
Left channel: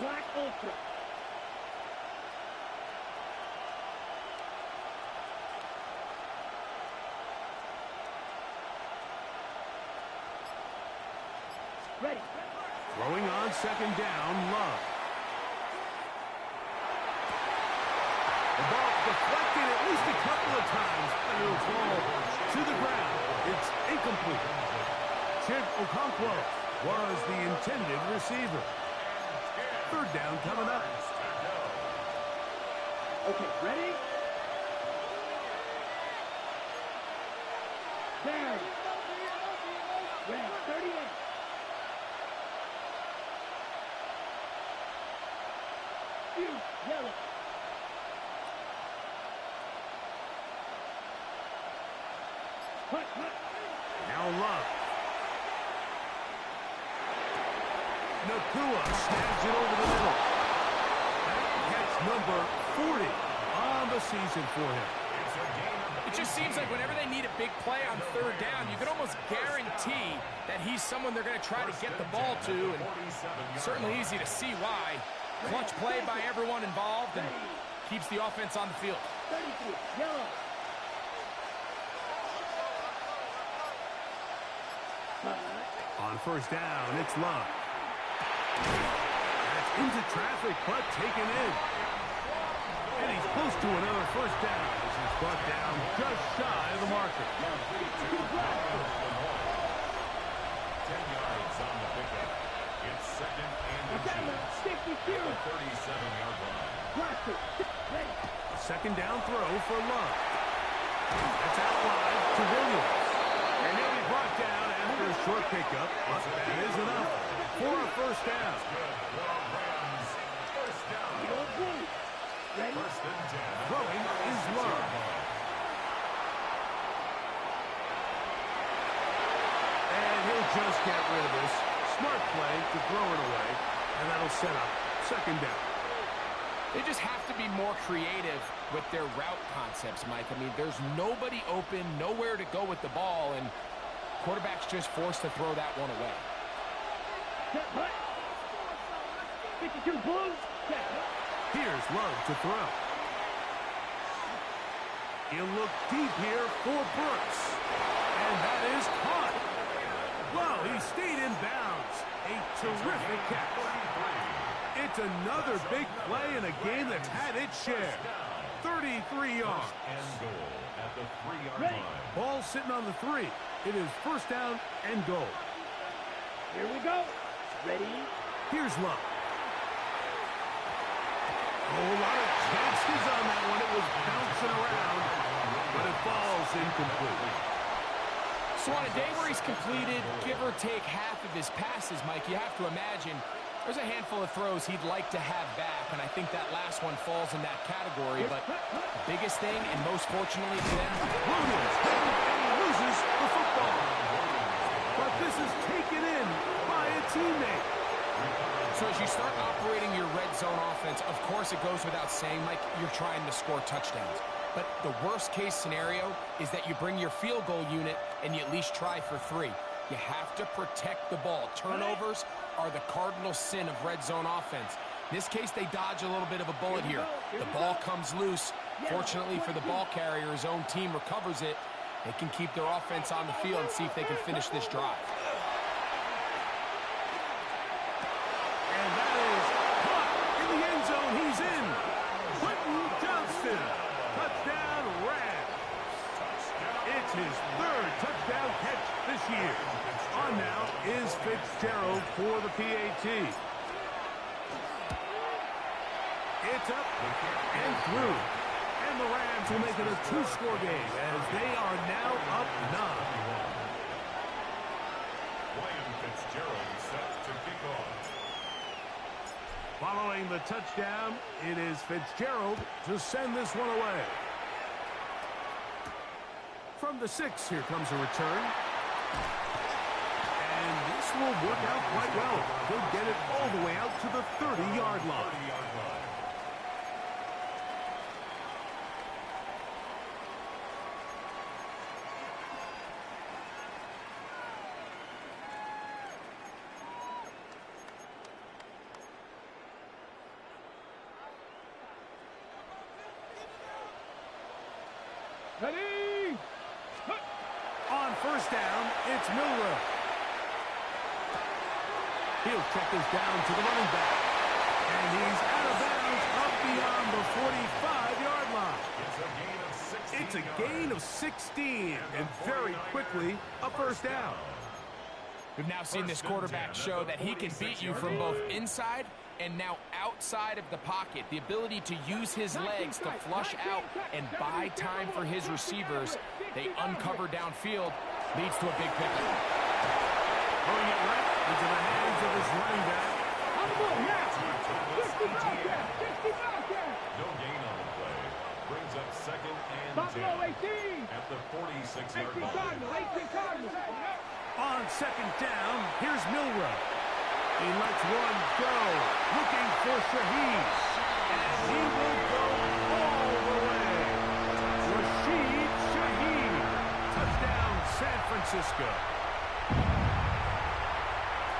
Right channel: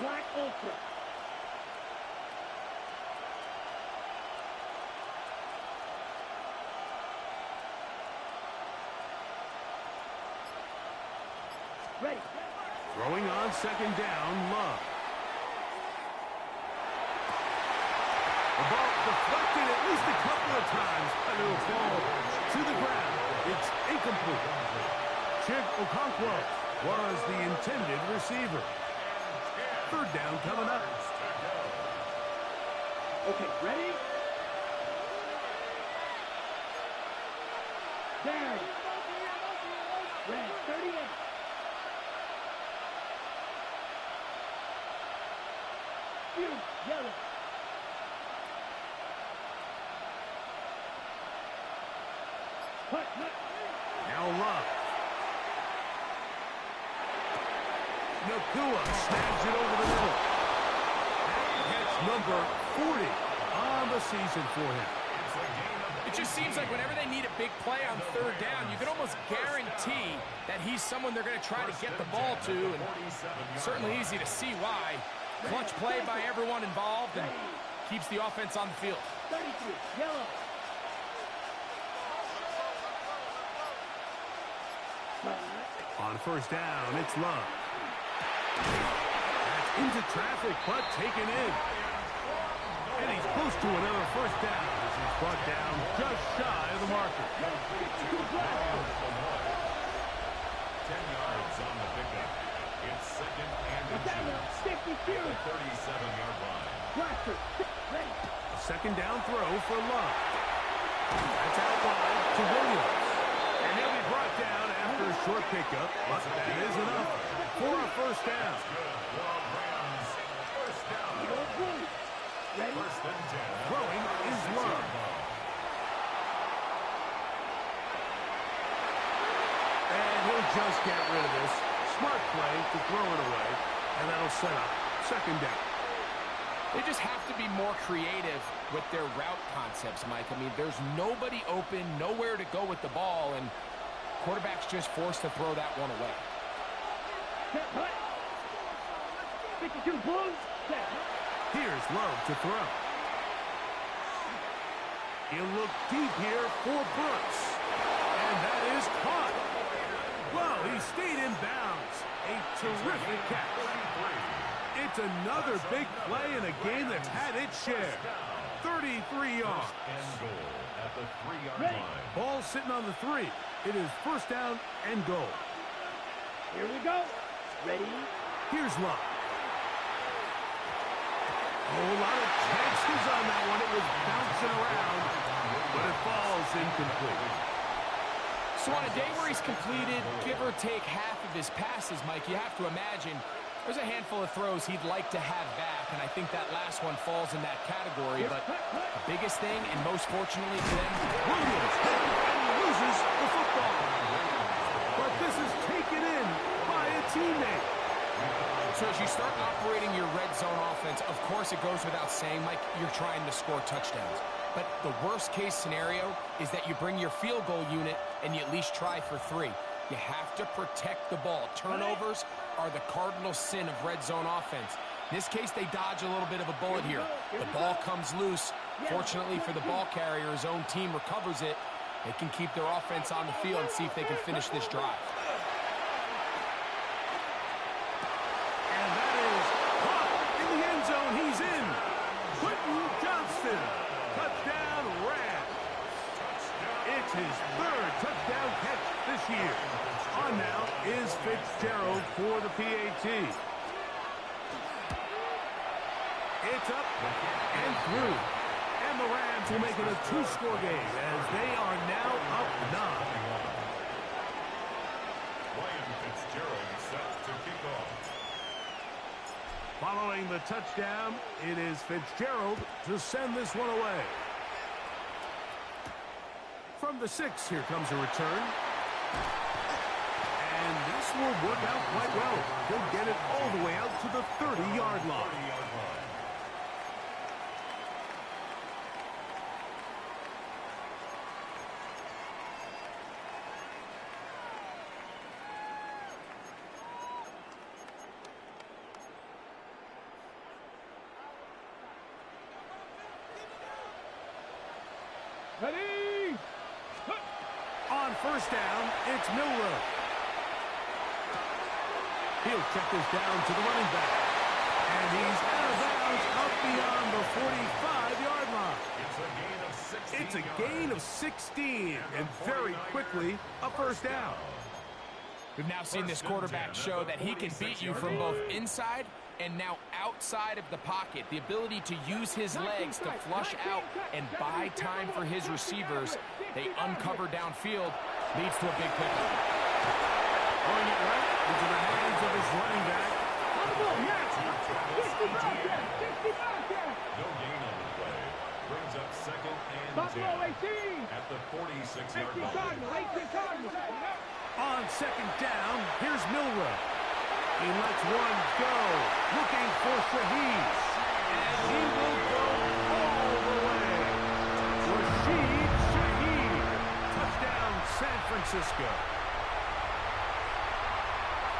Black Ultra. Ready. Throwing on 2nd down, Love. The ball deflected at least a couple of times, and it'll fall to the ground. It's incomplete. Chig Okonkwo was the intended receiver. 3rd down coming up. Okay, ready? Down. Red, 38. You, yellow. Hut. Now Love. Nakua snags it over the middle. That's number 40 on the season for him. It just seems like whenever they need a big play on third down, you can almost guarantee that he's someone they're going to try to get the ball to, and certainly easy to see why. Clutch play by everyone involved and keeps the offense on the field. 33, yellow. On first down, it's Love. That's into traffic, but taken in. And he's close to another first down as he's brought down just shy of the marker. 10 yards on the pickup. It's second and inches. 52. At the 37-yard line. Blaster, ready. A second down throw for Love. That's out wide to Williams. And he'll be brought down after a short pickup, but that is enough for a first down. Good for Rams. First down. Yellow blue. Ready. First and 10. Throwing is Love. And he'll just get rid of this. Smart play to throw it away, and that'll set up second down. They just have to be more creative with their route concepts, Mike. I mean, there's nobody open, nowhere to go with the ball, and quarterback's just forced to throw that one away. Set, hut. 52 blue. Set, hut. Here's Love to throw. He'll look deep here for Brooks. And that is caught. Well, he stayed in bounds. A terrific catch. It's another big play in a game that's had its share. 33 yards. And goal at the 3-yard Ready. line. Ball sitting on the 3. It is first down and goal. Here we go. Ready. Here's Love. Oh, a lot of chances on that one. It was bouncing around, but it falls incomplete. So on a day where he's completed, give or take half of his passes, Mike, you have to imagine there's a handful of throws he'd like to have back, and I think that last one falls in that category. But the biggest thing, and most fortunately for them, Williams, and he loses the football. But this is taken in by a teammate. so as you start operating your red zone offense, of course it goes without saying, Mike, you're trying to score touchdowns. But the worst case scenario is that you bring your field goal unit and you at least try for 3. You have to protect the ball. Turnovers are the cardinal sin of red zone offense. In this case, they dodge a little bit of a bullet here. The ball comes loose. Fortunately for the ball carrier, his own team recovers it. They can keep their offense on the field and see if they can finish this drive. And that is caught in the end zone. He's in. Quentin Johnston. Touchdown, Rams. It's his 3rd touchdown catch this year. On now is Fitzgerald for the PAT. It's up and through. And the Rams will make it a 2-score game as they are now up 9. Ryan Fitzgerald set to kick off. Following the touchdown, it is Fitzgerald to send this one away. From the 6, here comes a return. And this will work out quite well. He'll get it all the way out to the 30-yard line. Ready. On first down, it's Milrow. He'll check this down to the running back. And he's out of bounds up beyond the 45-yard line. It's a gain of 16, and very quickly a first down. We've now seen this quarterback show that he can beat you from both inside and now outside of the pocket. The ability to use his legs to flush out and buy time for his receivers. They uncover downfield, leads to a big pickup. Throwing it right into the hands of his running back. No gain on the play. Brings up 2nd and 10 at the 46-yard line. On 2nd down, here's Milrow. He lets one go, looking for Shaheed. And he will go all the way. Rashid Shaheed. Touchdown, San Francisco.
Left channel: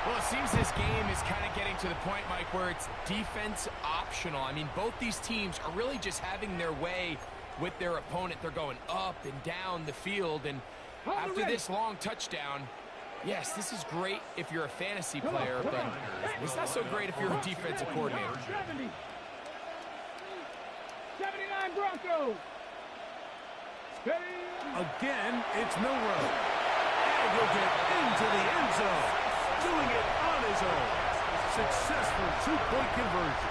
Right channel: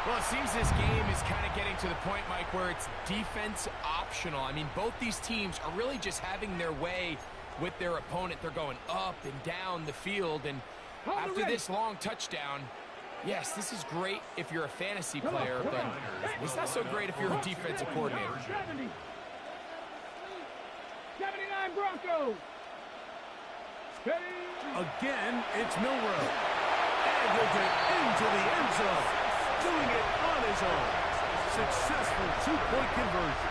Well, it seems this game is kind of getting to the point, Mike, where it's defense optional. I mean, both these teams are really just having their way with their opponent. They're going up and down the field. And after this long touchdown, yes, this is great if you're a fantasy player, but it's not so great if you're a defensive coordinator. 79 Broncos. Again, it's Milrow. And he'll get into the end zone. Doing it on his own. Successful two-point conversion.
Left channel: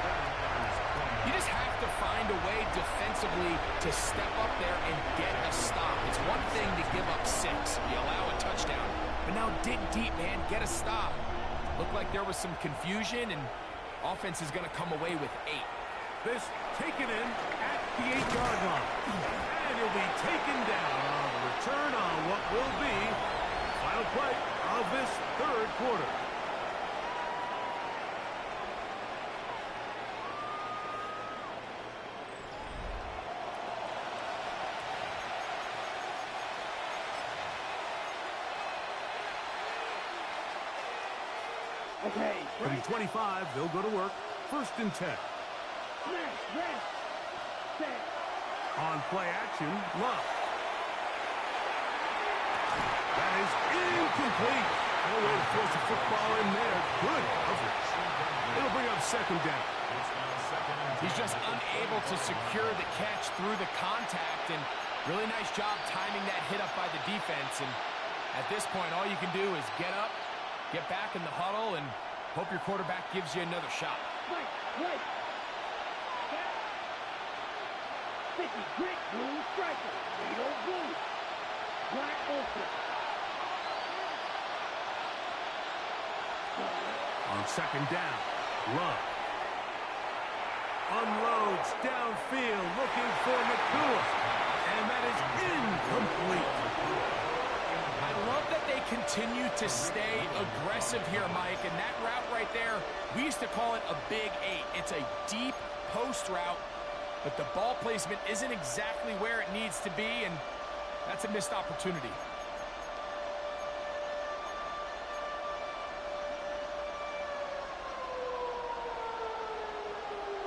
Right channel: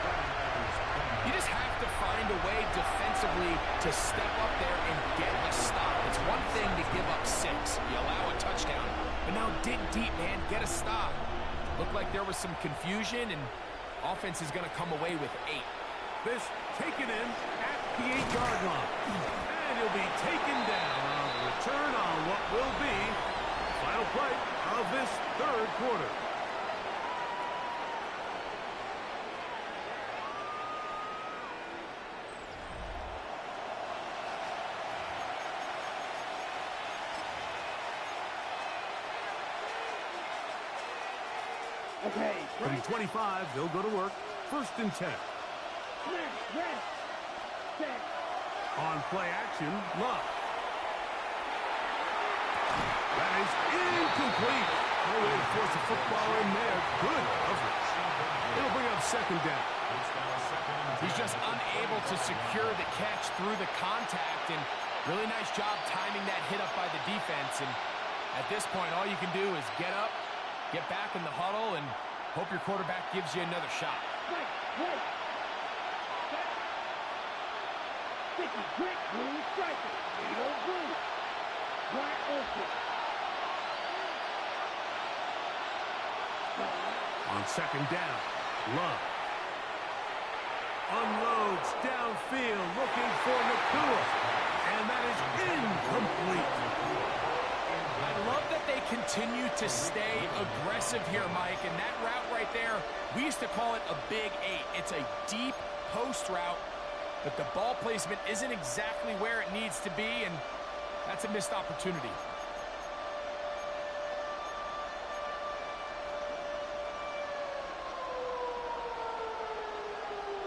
You just have to find a way defensively to step up there and get a stop. It's one thing to give up 6. You allow a touchdown. But now dig deep, man. Get a stop. Looked like there was some confusion, and offense is going to come away with 8. This taken in at the 8-yard line. And he'll be taken down on the return on what will be the final play of this 3rd quarter. Okay. From 25, they'll go to work. 1st and 10. On play action, Love. That is incomplete. No way to force a football in there. Good coverage. It'll bring up 2nd down. He's just unable to secure the catch through the contact, and really nice job timing that hit up by the defense. And at this point, all you can do is get up, get back in the huddle, and hope your quarterback gives you another shot. Right. 50 grit, blue striker. Vito blue. Black open. On 2nd down, Love. Unloads downfield, looking for Nakua. And that is incomplete. I love that they continue to stay aggressive here, Mike. And that route right there, we used to call it a big 8. It's a deep post route, but the ball placement isn't exactly where it needs to be, and that's a missed opportunity.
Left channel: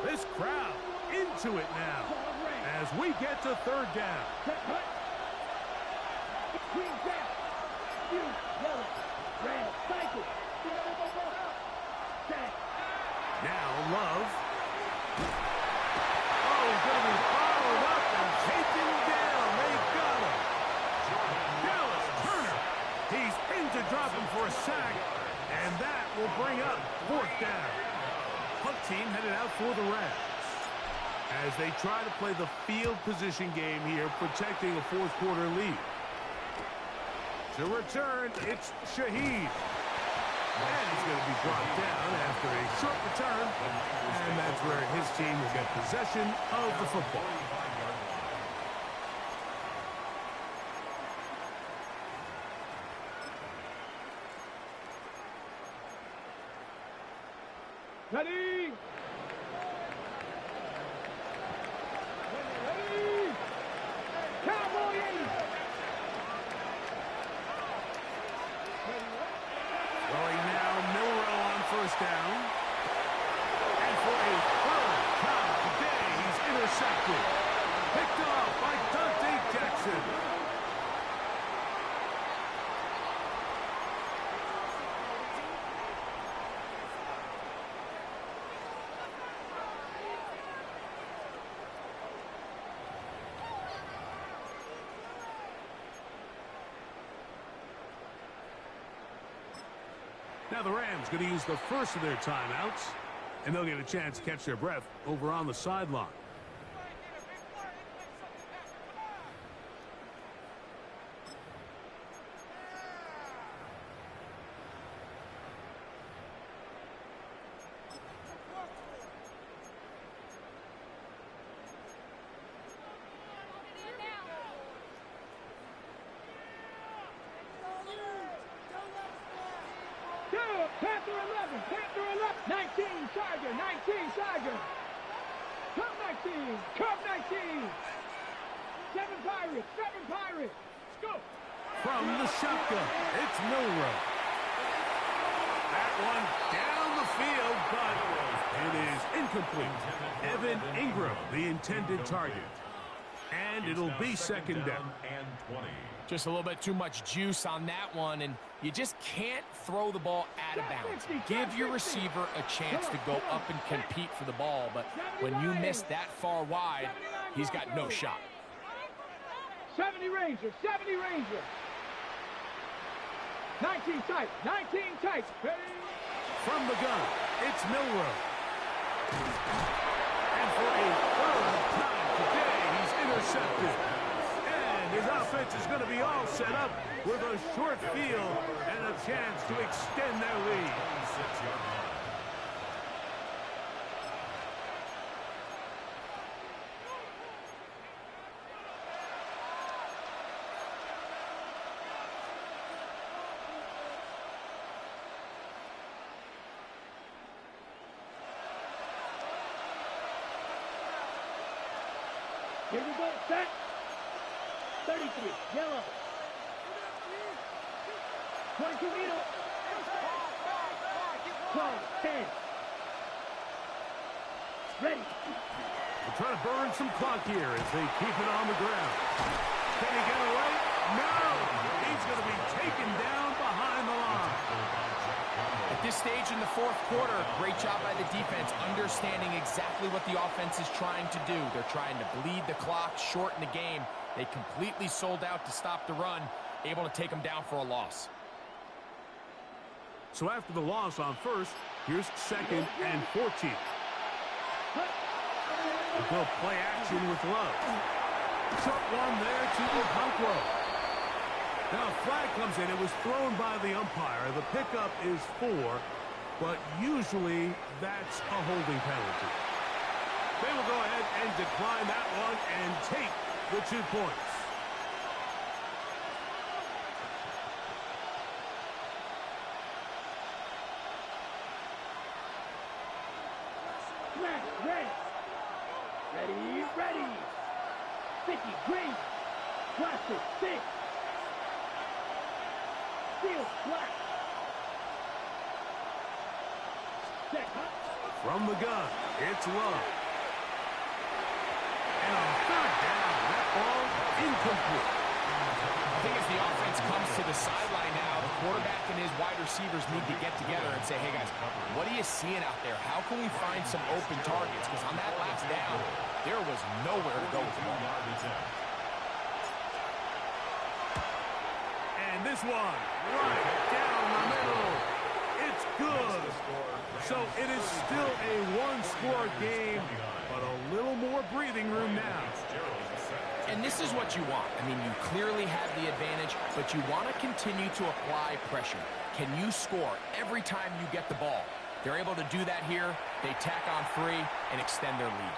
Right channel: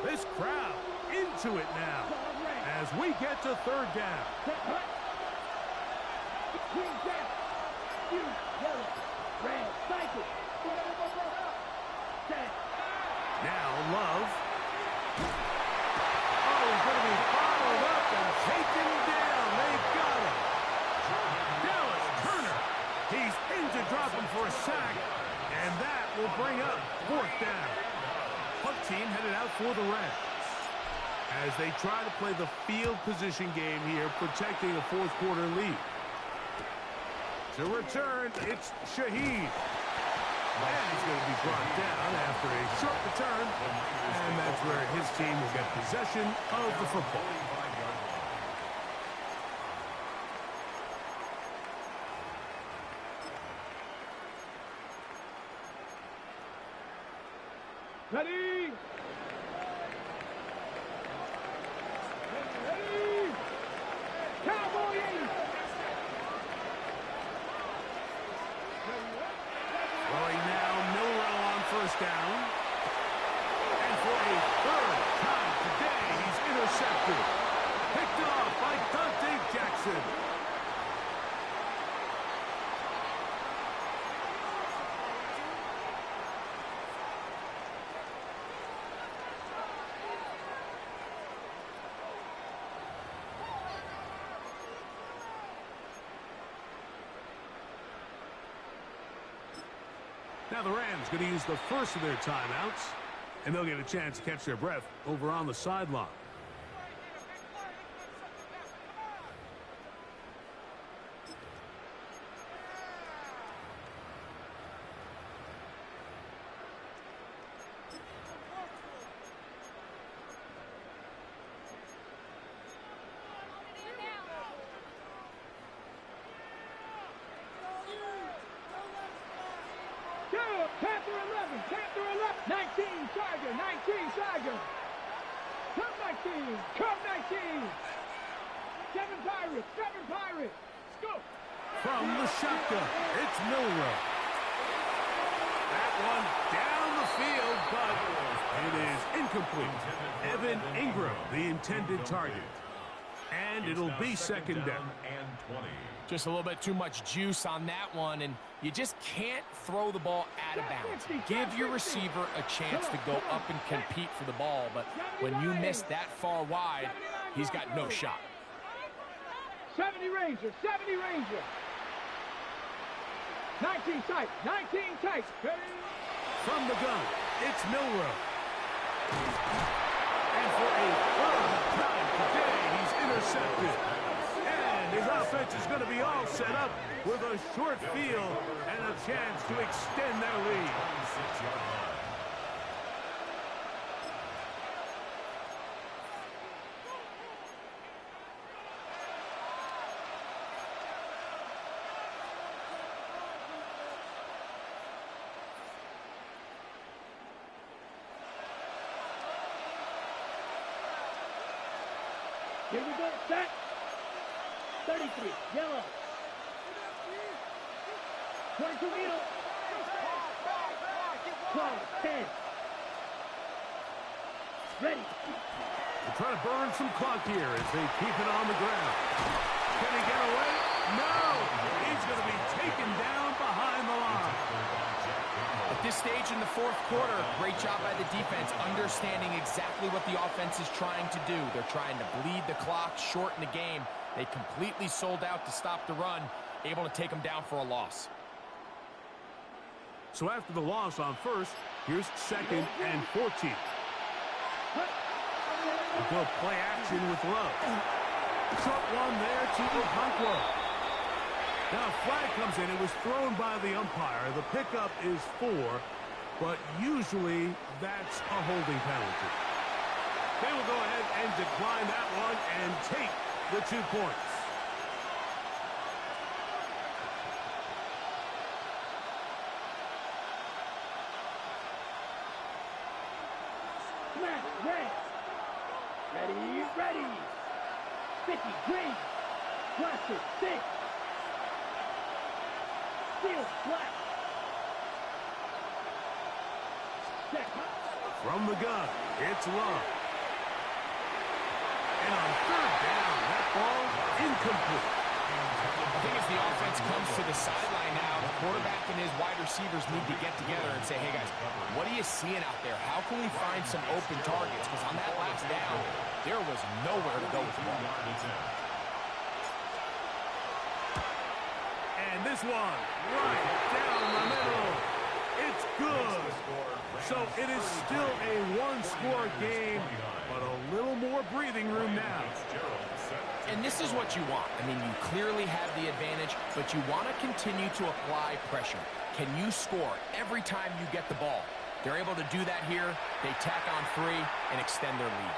This crowd into it now as we get to 3rd down. Now Love. Oh, he's going to be followed up and taken down. They got him. Dallas Turner. He's in to drop him for a sack, and that will bring up 4th down. Punt team headed out for the Reds as they try to play the field position game here, protecting a 4th quarter lead. To return, it's Shaheed. And he's going to be brought down after a short return, and that's where his team will get possession of the football. Ready? Cowboys! Throwing now, Milrow on 1st down. And for a 3rd time today, he's intercepted. Picked off by Dante Jackson. Now the Rams going to use the first of their timeouts, and they'll get a chance to catch their breath over on the sideline. Panther 11, Panther 11, 19, Tiger, 19, Tiger. Come 19, come 19. 7 Pirates, 7 Pirates. Go. From the shotgun, it's Milrow. That one down the field, but it is incomplete. Evan Ingram, the intended target. And it'll be second down. And 20. Just a little bit too much juice on that one, and you just can't throw the ball out of bounds. Give your receiver a chance to go up and compete for the ball, but when you miss that far wide, he's got no shot. 70 Ranger, 70 Ranger. 19 tight, 19 tight. From the gun, it's Milrow. And for a third time today, he's intercepted. And his offense is going to be all set up with a short field and a chance to extend their lead. 26-yard line. Here we go, set. 33, yellow. 22 middle. 12, 10. Ready. They're trying to burn some clock here as they keep it on the ground. Can he get away? No! He's going to be taken down behind the line. At this stage in the fourth quarter, great job by the defense, understanding exactly what the offense is trying to do. They're trying to bleed the clock, shorten the game. They completely sold out to stop the run, able to take them down for a loss. So after the loss on first, here's 2nd and 14. They'll play action with Love. Short one there to Okonkwo. Now a flag comes in. It was thrown by the umpire. The pickup is 4, but usually that's a holding penalty. They will go ahead and decline that one and take the 2 points. Smash, red. Ready, ready. 50, green. Blaster, 6. Steel, black. Set. From the gun, it's Love. And on third down, that ball incomplete. I think as the offense comes to the sideline now, the quarterback and his wide receivers need to get together and say, hey guys, what are you seeing out there? How can we find some open targets? Because on that last down, there was nowhere to go with the ball. And this one, right down the middle. It's good. So it is still a one-score game, but a little more breathing room now. And this is what you want. I mean, you clearly have the advantage, but you want to continue to apply pressure. Can you score every time you get the ball? They're able to do that here. They tack on 3 and extend their lead.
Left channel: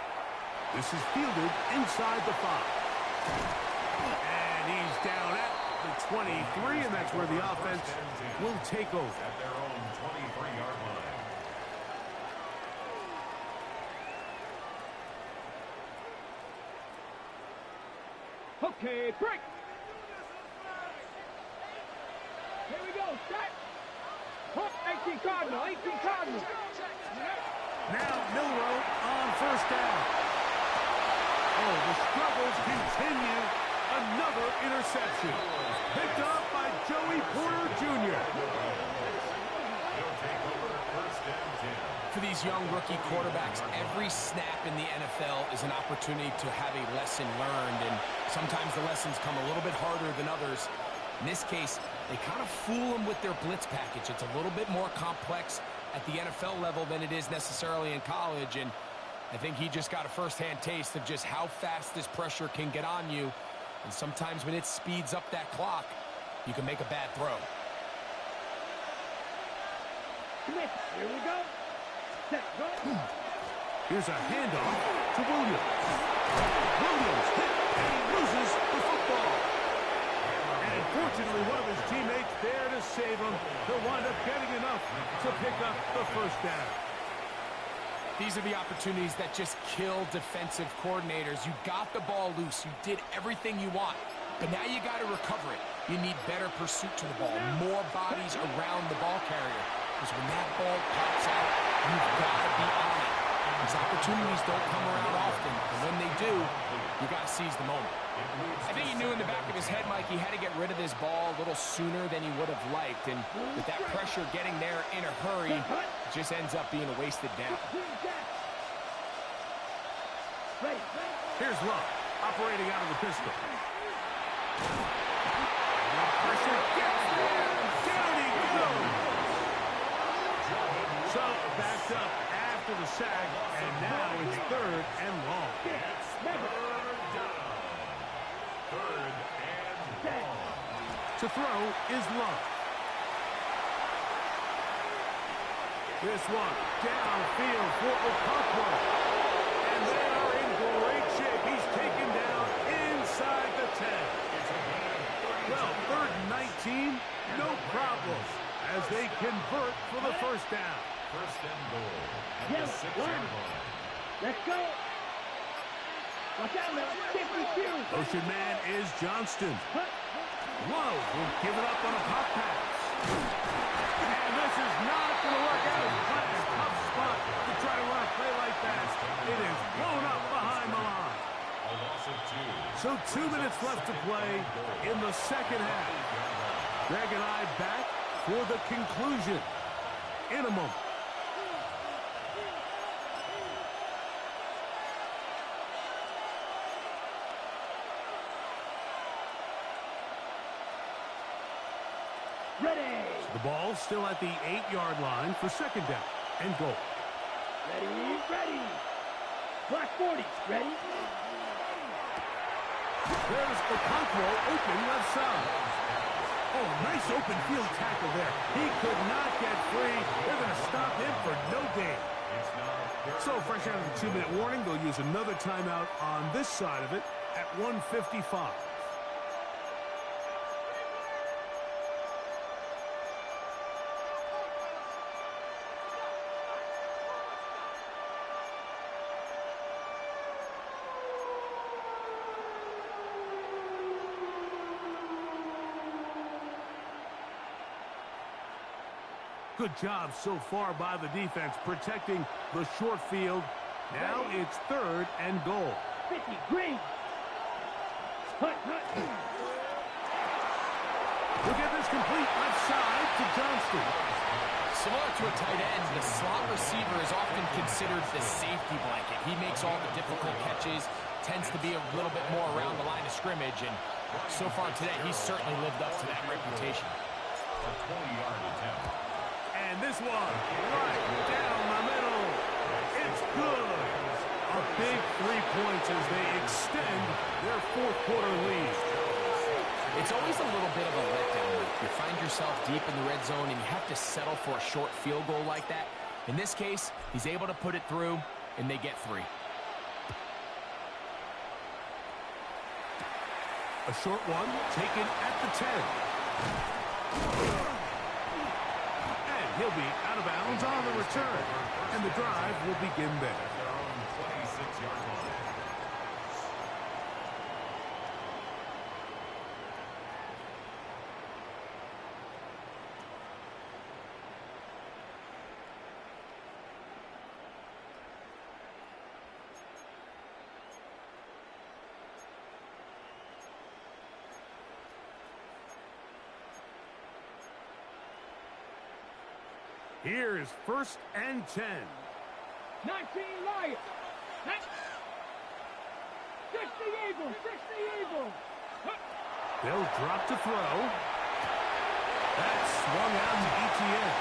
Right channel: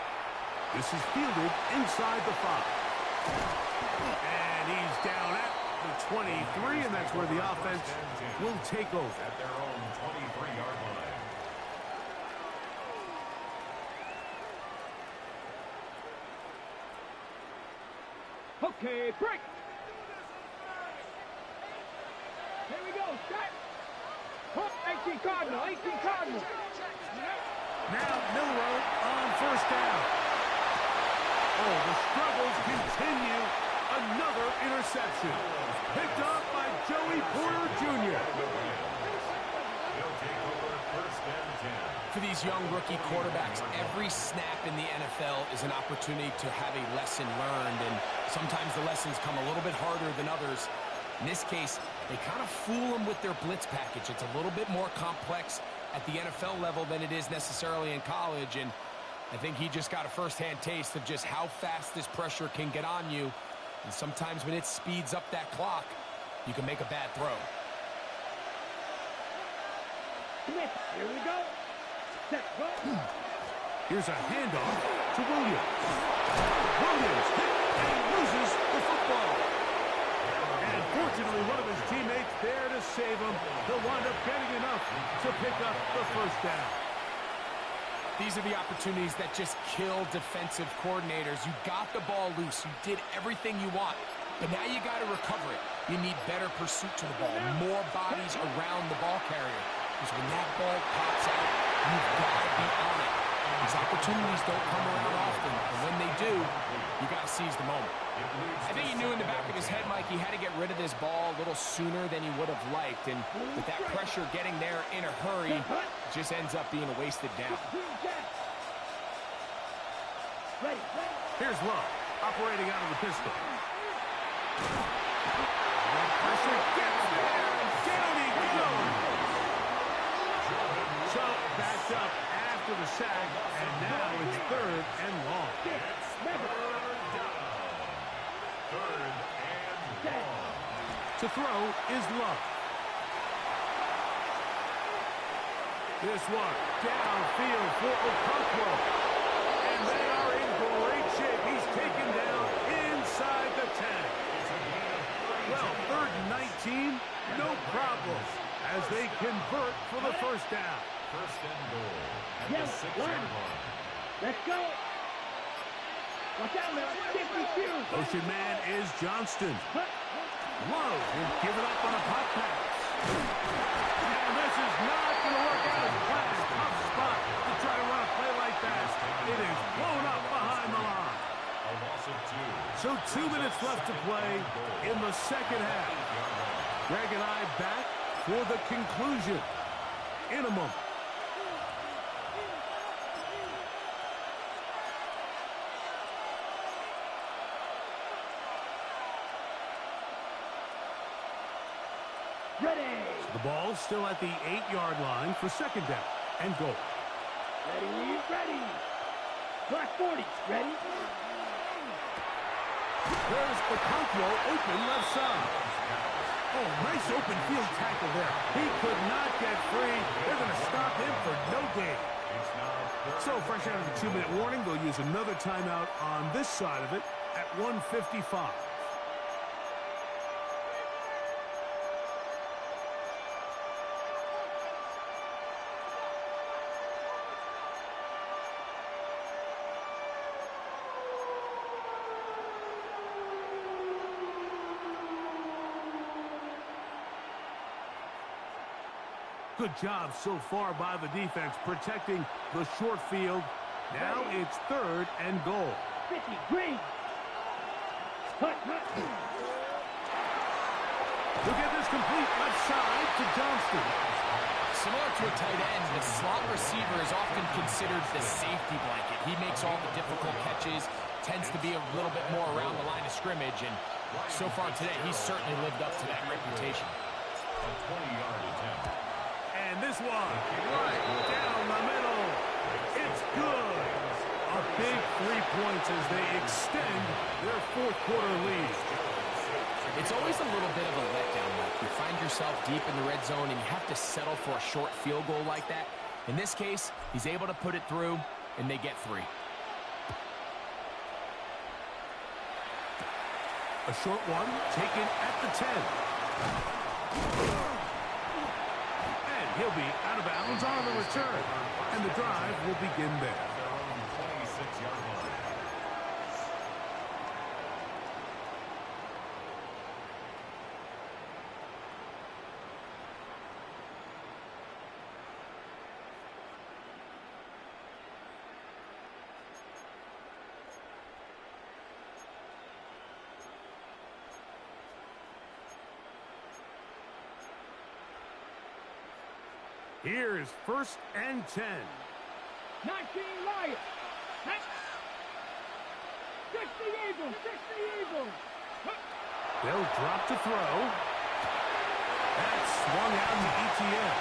This is fielded inside the 5. And he's down at the 23, and that's where the offense will take over. At their own 23-yard line. Okay, break. Here we go, set. 18 Cardinal, 18 Cardinal. Now Milrow on first down. Oh, the struggles continue. Another interception. Picked up by Joey Porter Jr. He'll take over first and 10. For these young rookie quarterbacks, every snap in the NFL is an opportunity to have a lesson learned, and sometimes the lessons come a little bit harder than others. In this case, They kind of fool them with their blitz package. It's a little bit more complex at the NFL level than it is necessarily in college, and I think he just got a first-hand taste of just how fast this pressure can get on you, and sometimes when it speeds up that clock, you can make a bad throw. Here we go. Set, go. Here's a handoff to Williams. Williams hit and he loses the football. And fortunately, one of his teammates there to save him. He'll wind up getting enough to pick up the first down. These are the opportunities that just kill defensive coordinators. You got the ball loose. You did everything you want. But now you got to recover it. You need better pursuit to the ball, more bodies around the ball carrier. Because when that ball pops out, you've got to be on it. These opportunities don't come around often, and when they do, you got to seize the moment. I think he knew in the back of his head, Mike, he had to get rid of this ball a little sooner than he would have liked, and with that pressure getting there in a hurry, it just ends up being a wasted down. Here's Love, operating out of the pistol. The pressure gets there, and down he goes. So, backed up after the sack, and now it's 3rd and long. It's 3rd down. 3rd and long. To throw is Love. This one downfield for Okonkwo. And they are in great shape. He's taken down inside the 10. It's a gain of 32. Well, 3rd and 19, no problem, as they convert for the first down. 1st and goal at the 6-yard line. Let's go. Watch out now. 52. Motion man is Johnston. Love will give it up on a pop pass. And this is not going to work out as planned. Tough spot to try to run a play like that. It is blown up behind the line. A loss of 2. So 2 minutes left to play in the second half. Greg and I back for the conclusion in a moment. Ready. So the ball still at the 8-yard line for second down and goal. Ready. Black 40. Ready. There's Okonkwo open left side. Oh, nice open field tackle there. He could not get free. They're going to stop him for no gain. So fresh out of the 2-minute warning, they'll use another timeout on this side of it at 1:55. Good job so far by the defense protecting the short field. Now it's 3rd and goal. 50, green. Hut. He'll get this complete left side to Johnston. Similar to a tight end, the slot receiver is often considered the safety blanket. He makes all the difficult catches, tends to be a little bit more around the line of scrimmage, and so far today, he's certainly lived up to that reputation. A 20-yard attempt. And this one, right down the middle. It's good. A big 3 points as they extend their 4th quarter lead. It's always a little bit of a letdown. You find yourself deep in the red zone and you have to settle for a short field goal like that. In this case, he's able to put it through, and they get 3. A short one taken at the 10. And he'll be out of bounds on the return. And the drive will begin there. At their own 26-yard line. Here is 1st and 10. 19 Lions. 60 Eagles. They'll drop to throw. That's swung out to ETN.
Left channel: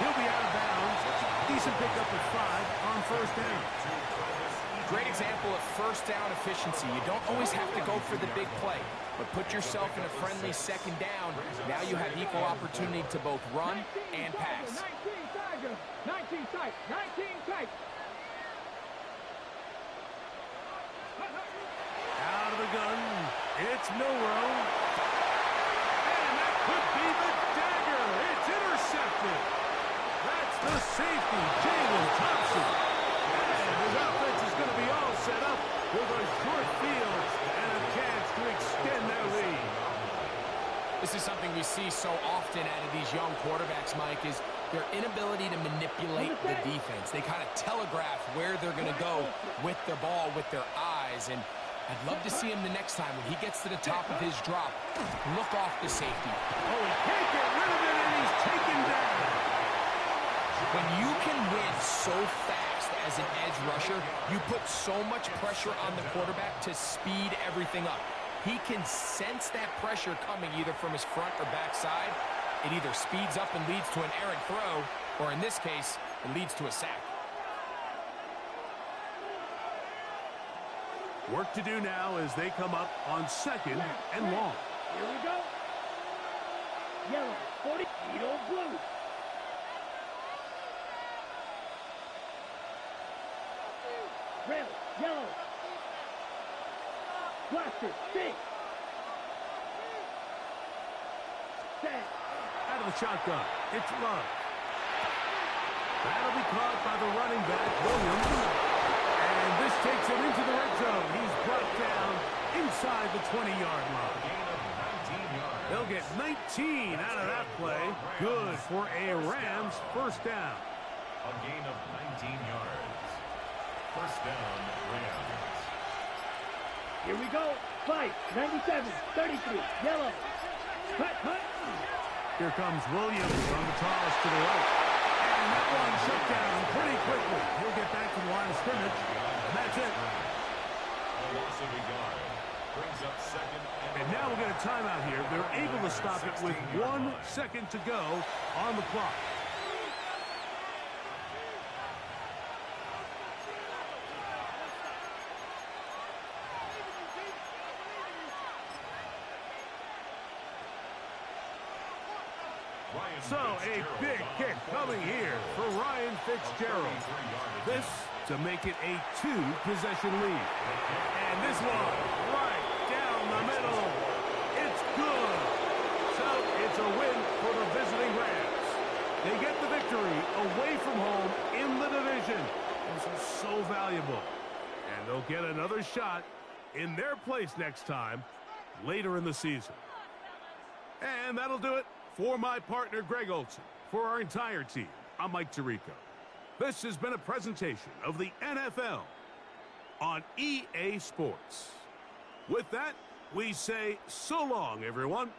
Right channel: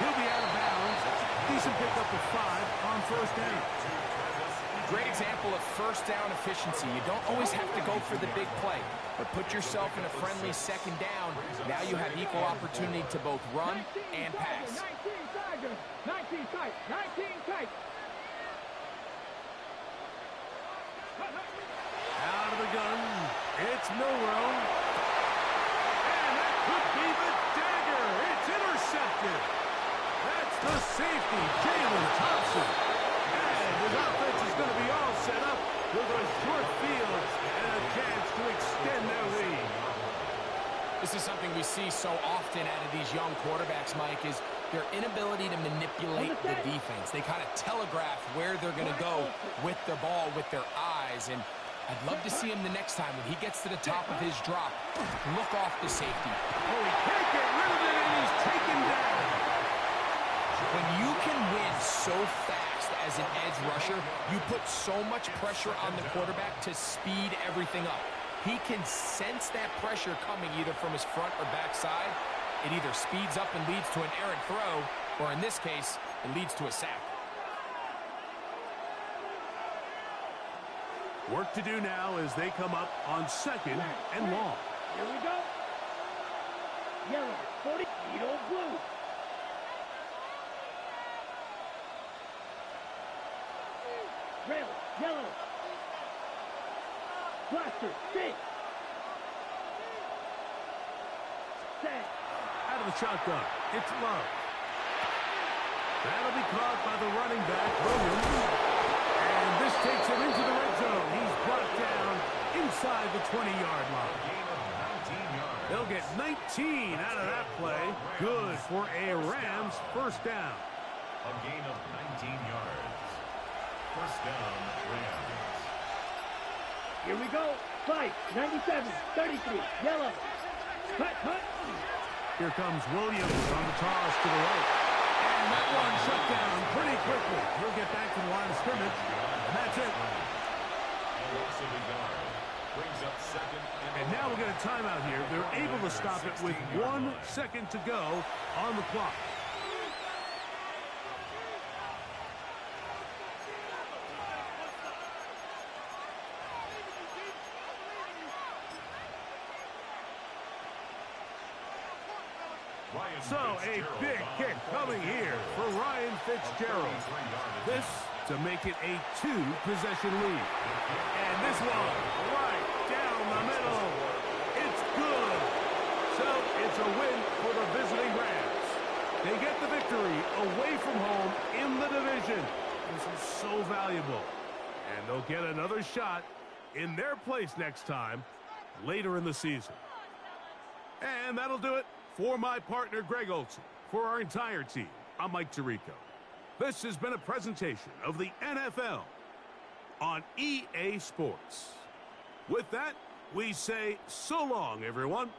He'll be out of bounds. Decent pickup at 5 on first down. Great example of first down efficiency. You don't always have to go for the big play, but put yourself in a friendly second down. Now you have equal opportunity to both run and pass. 19 Tiger, 19 tight, 19 tight. Out of the gun, it's Milrow. And that could be the dagger. It's intercepted. That's the safety, Jalen Thompson. And his offense is going to be all set up with a short field and a chance to extend their lead. This is something we see so often out of these young quarterbacks, Mike, is their inability to manipulate the defense. They kind of telegraph where they're going to go with their ball, with their eyes. And I'd love to see him the next time when he gets to the top of his drop. Look off the safety. Oh, he can't get rid of it, and he's taken down. When you can win so fast as an edge rusher, you put so much pressure on the quarterback to speed everything up. He can sense that pressure coming either from his front or back side. It either speeds up and leads to an errant throw, or in this case, it leads to a sack. Work to do now as they come up on second and long. Here we go. Yellow, 40, Edo blue. Red, yellow. Blaster, six. Set. Out of the shotgun, it's Love. That'll be caught by the running back, Williams. And this takes him into the red zone. He's brought down inside the 20-yard line. They'll get 19 out of that play. Good for a Rams first down. A gain of 19 yards. First down, Rams. Here we go. Fight, 97, 33, yellow. Cut, cut. Here comes Williams on the toss to the right. And that one shut down pretty quickly. He'll get back to the line of scrimmage, and that's it. A loss of a yard. Brings up second And now we'll get a timeout here. They're able to stop it with 1 second to go on the clock. So a big kick coming here for Ryan Fitzgerald. This to make it a 2-possession lead. And this one right down the middle. It's good. So it's a win for the visiting Rams. They get the victory away from home in the division. Those are so valuable. And they'll get another shot in their place next time later in the season. And that'll do it. For my partner, Greg Olson, for our entire team, I'm Mike Tirico. This has been a presentation of the NFL on EA Sports. With that, we say so long, everyone.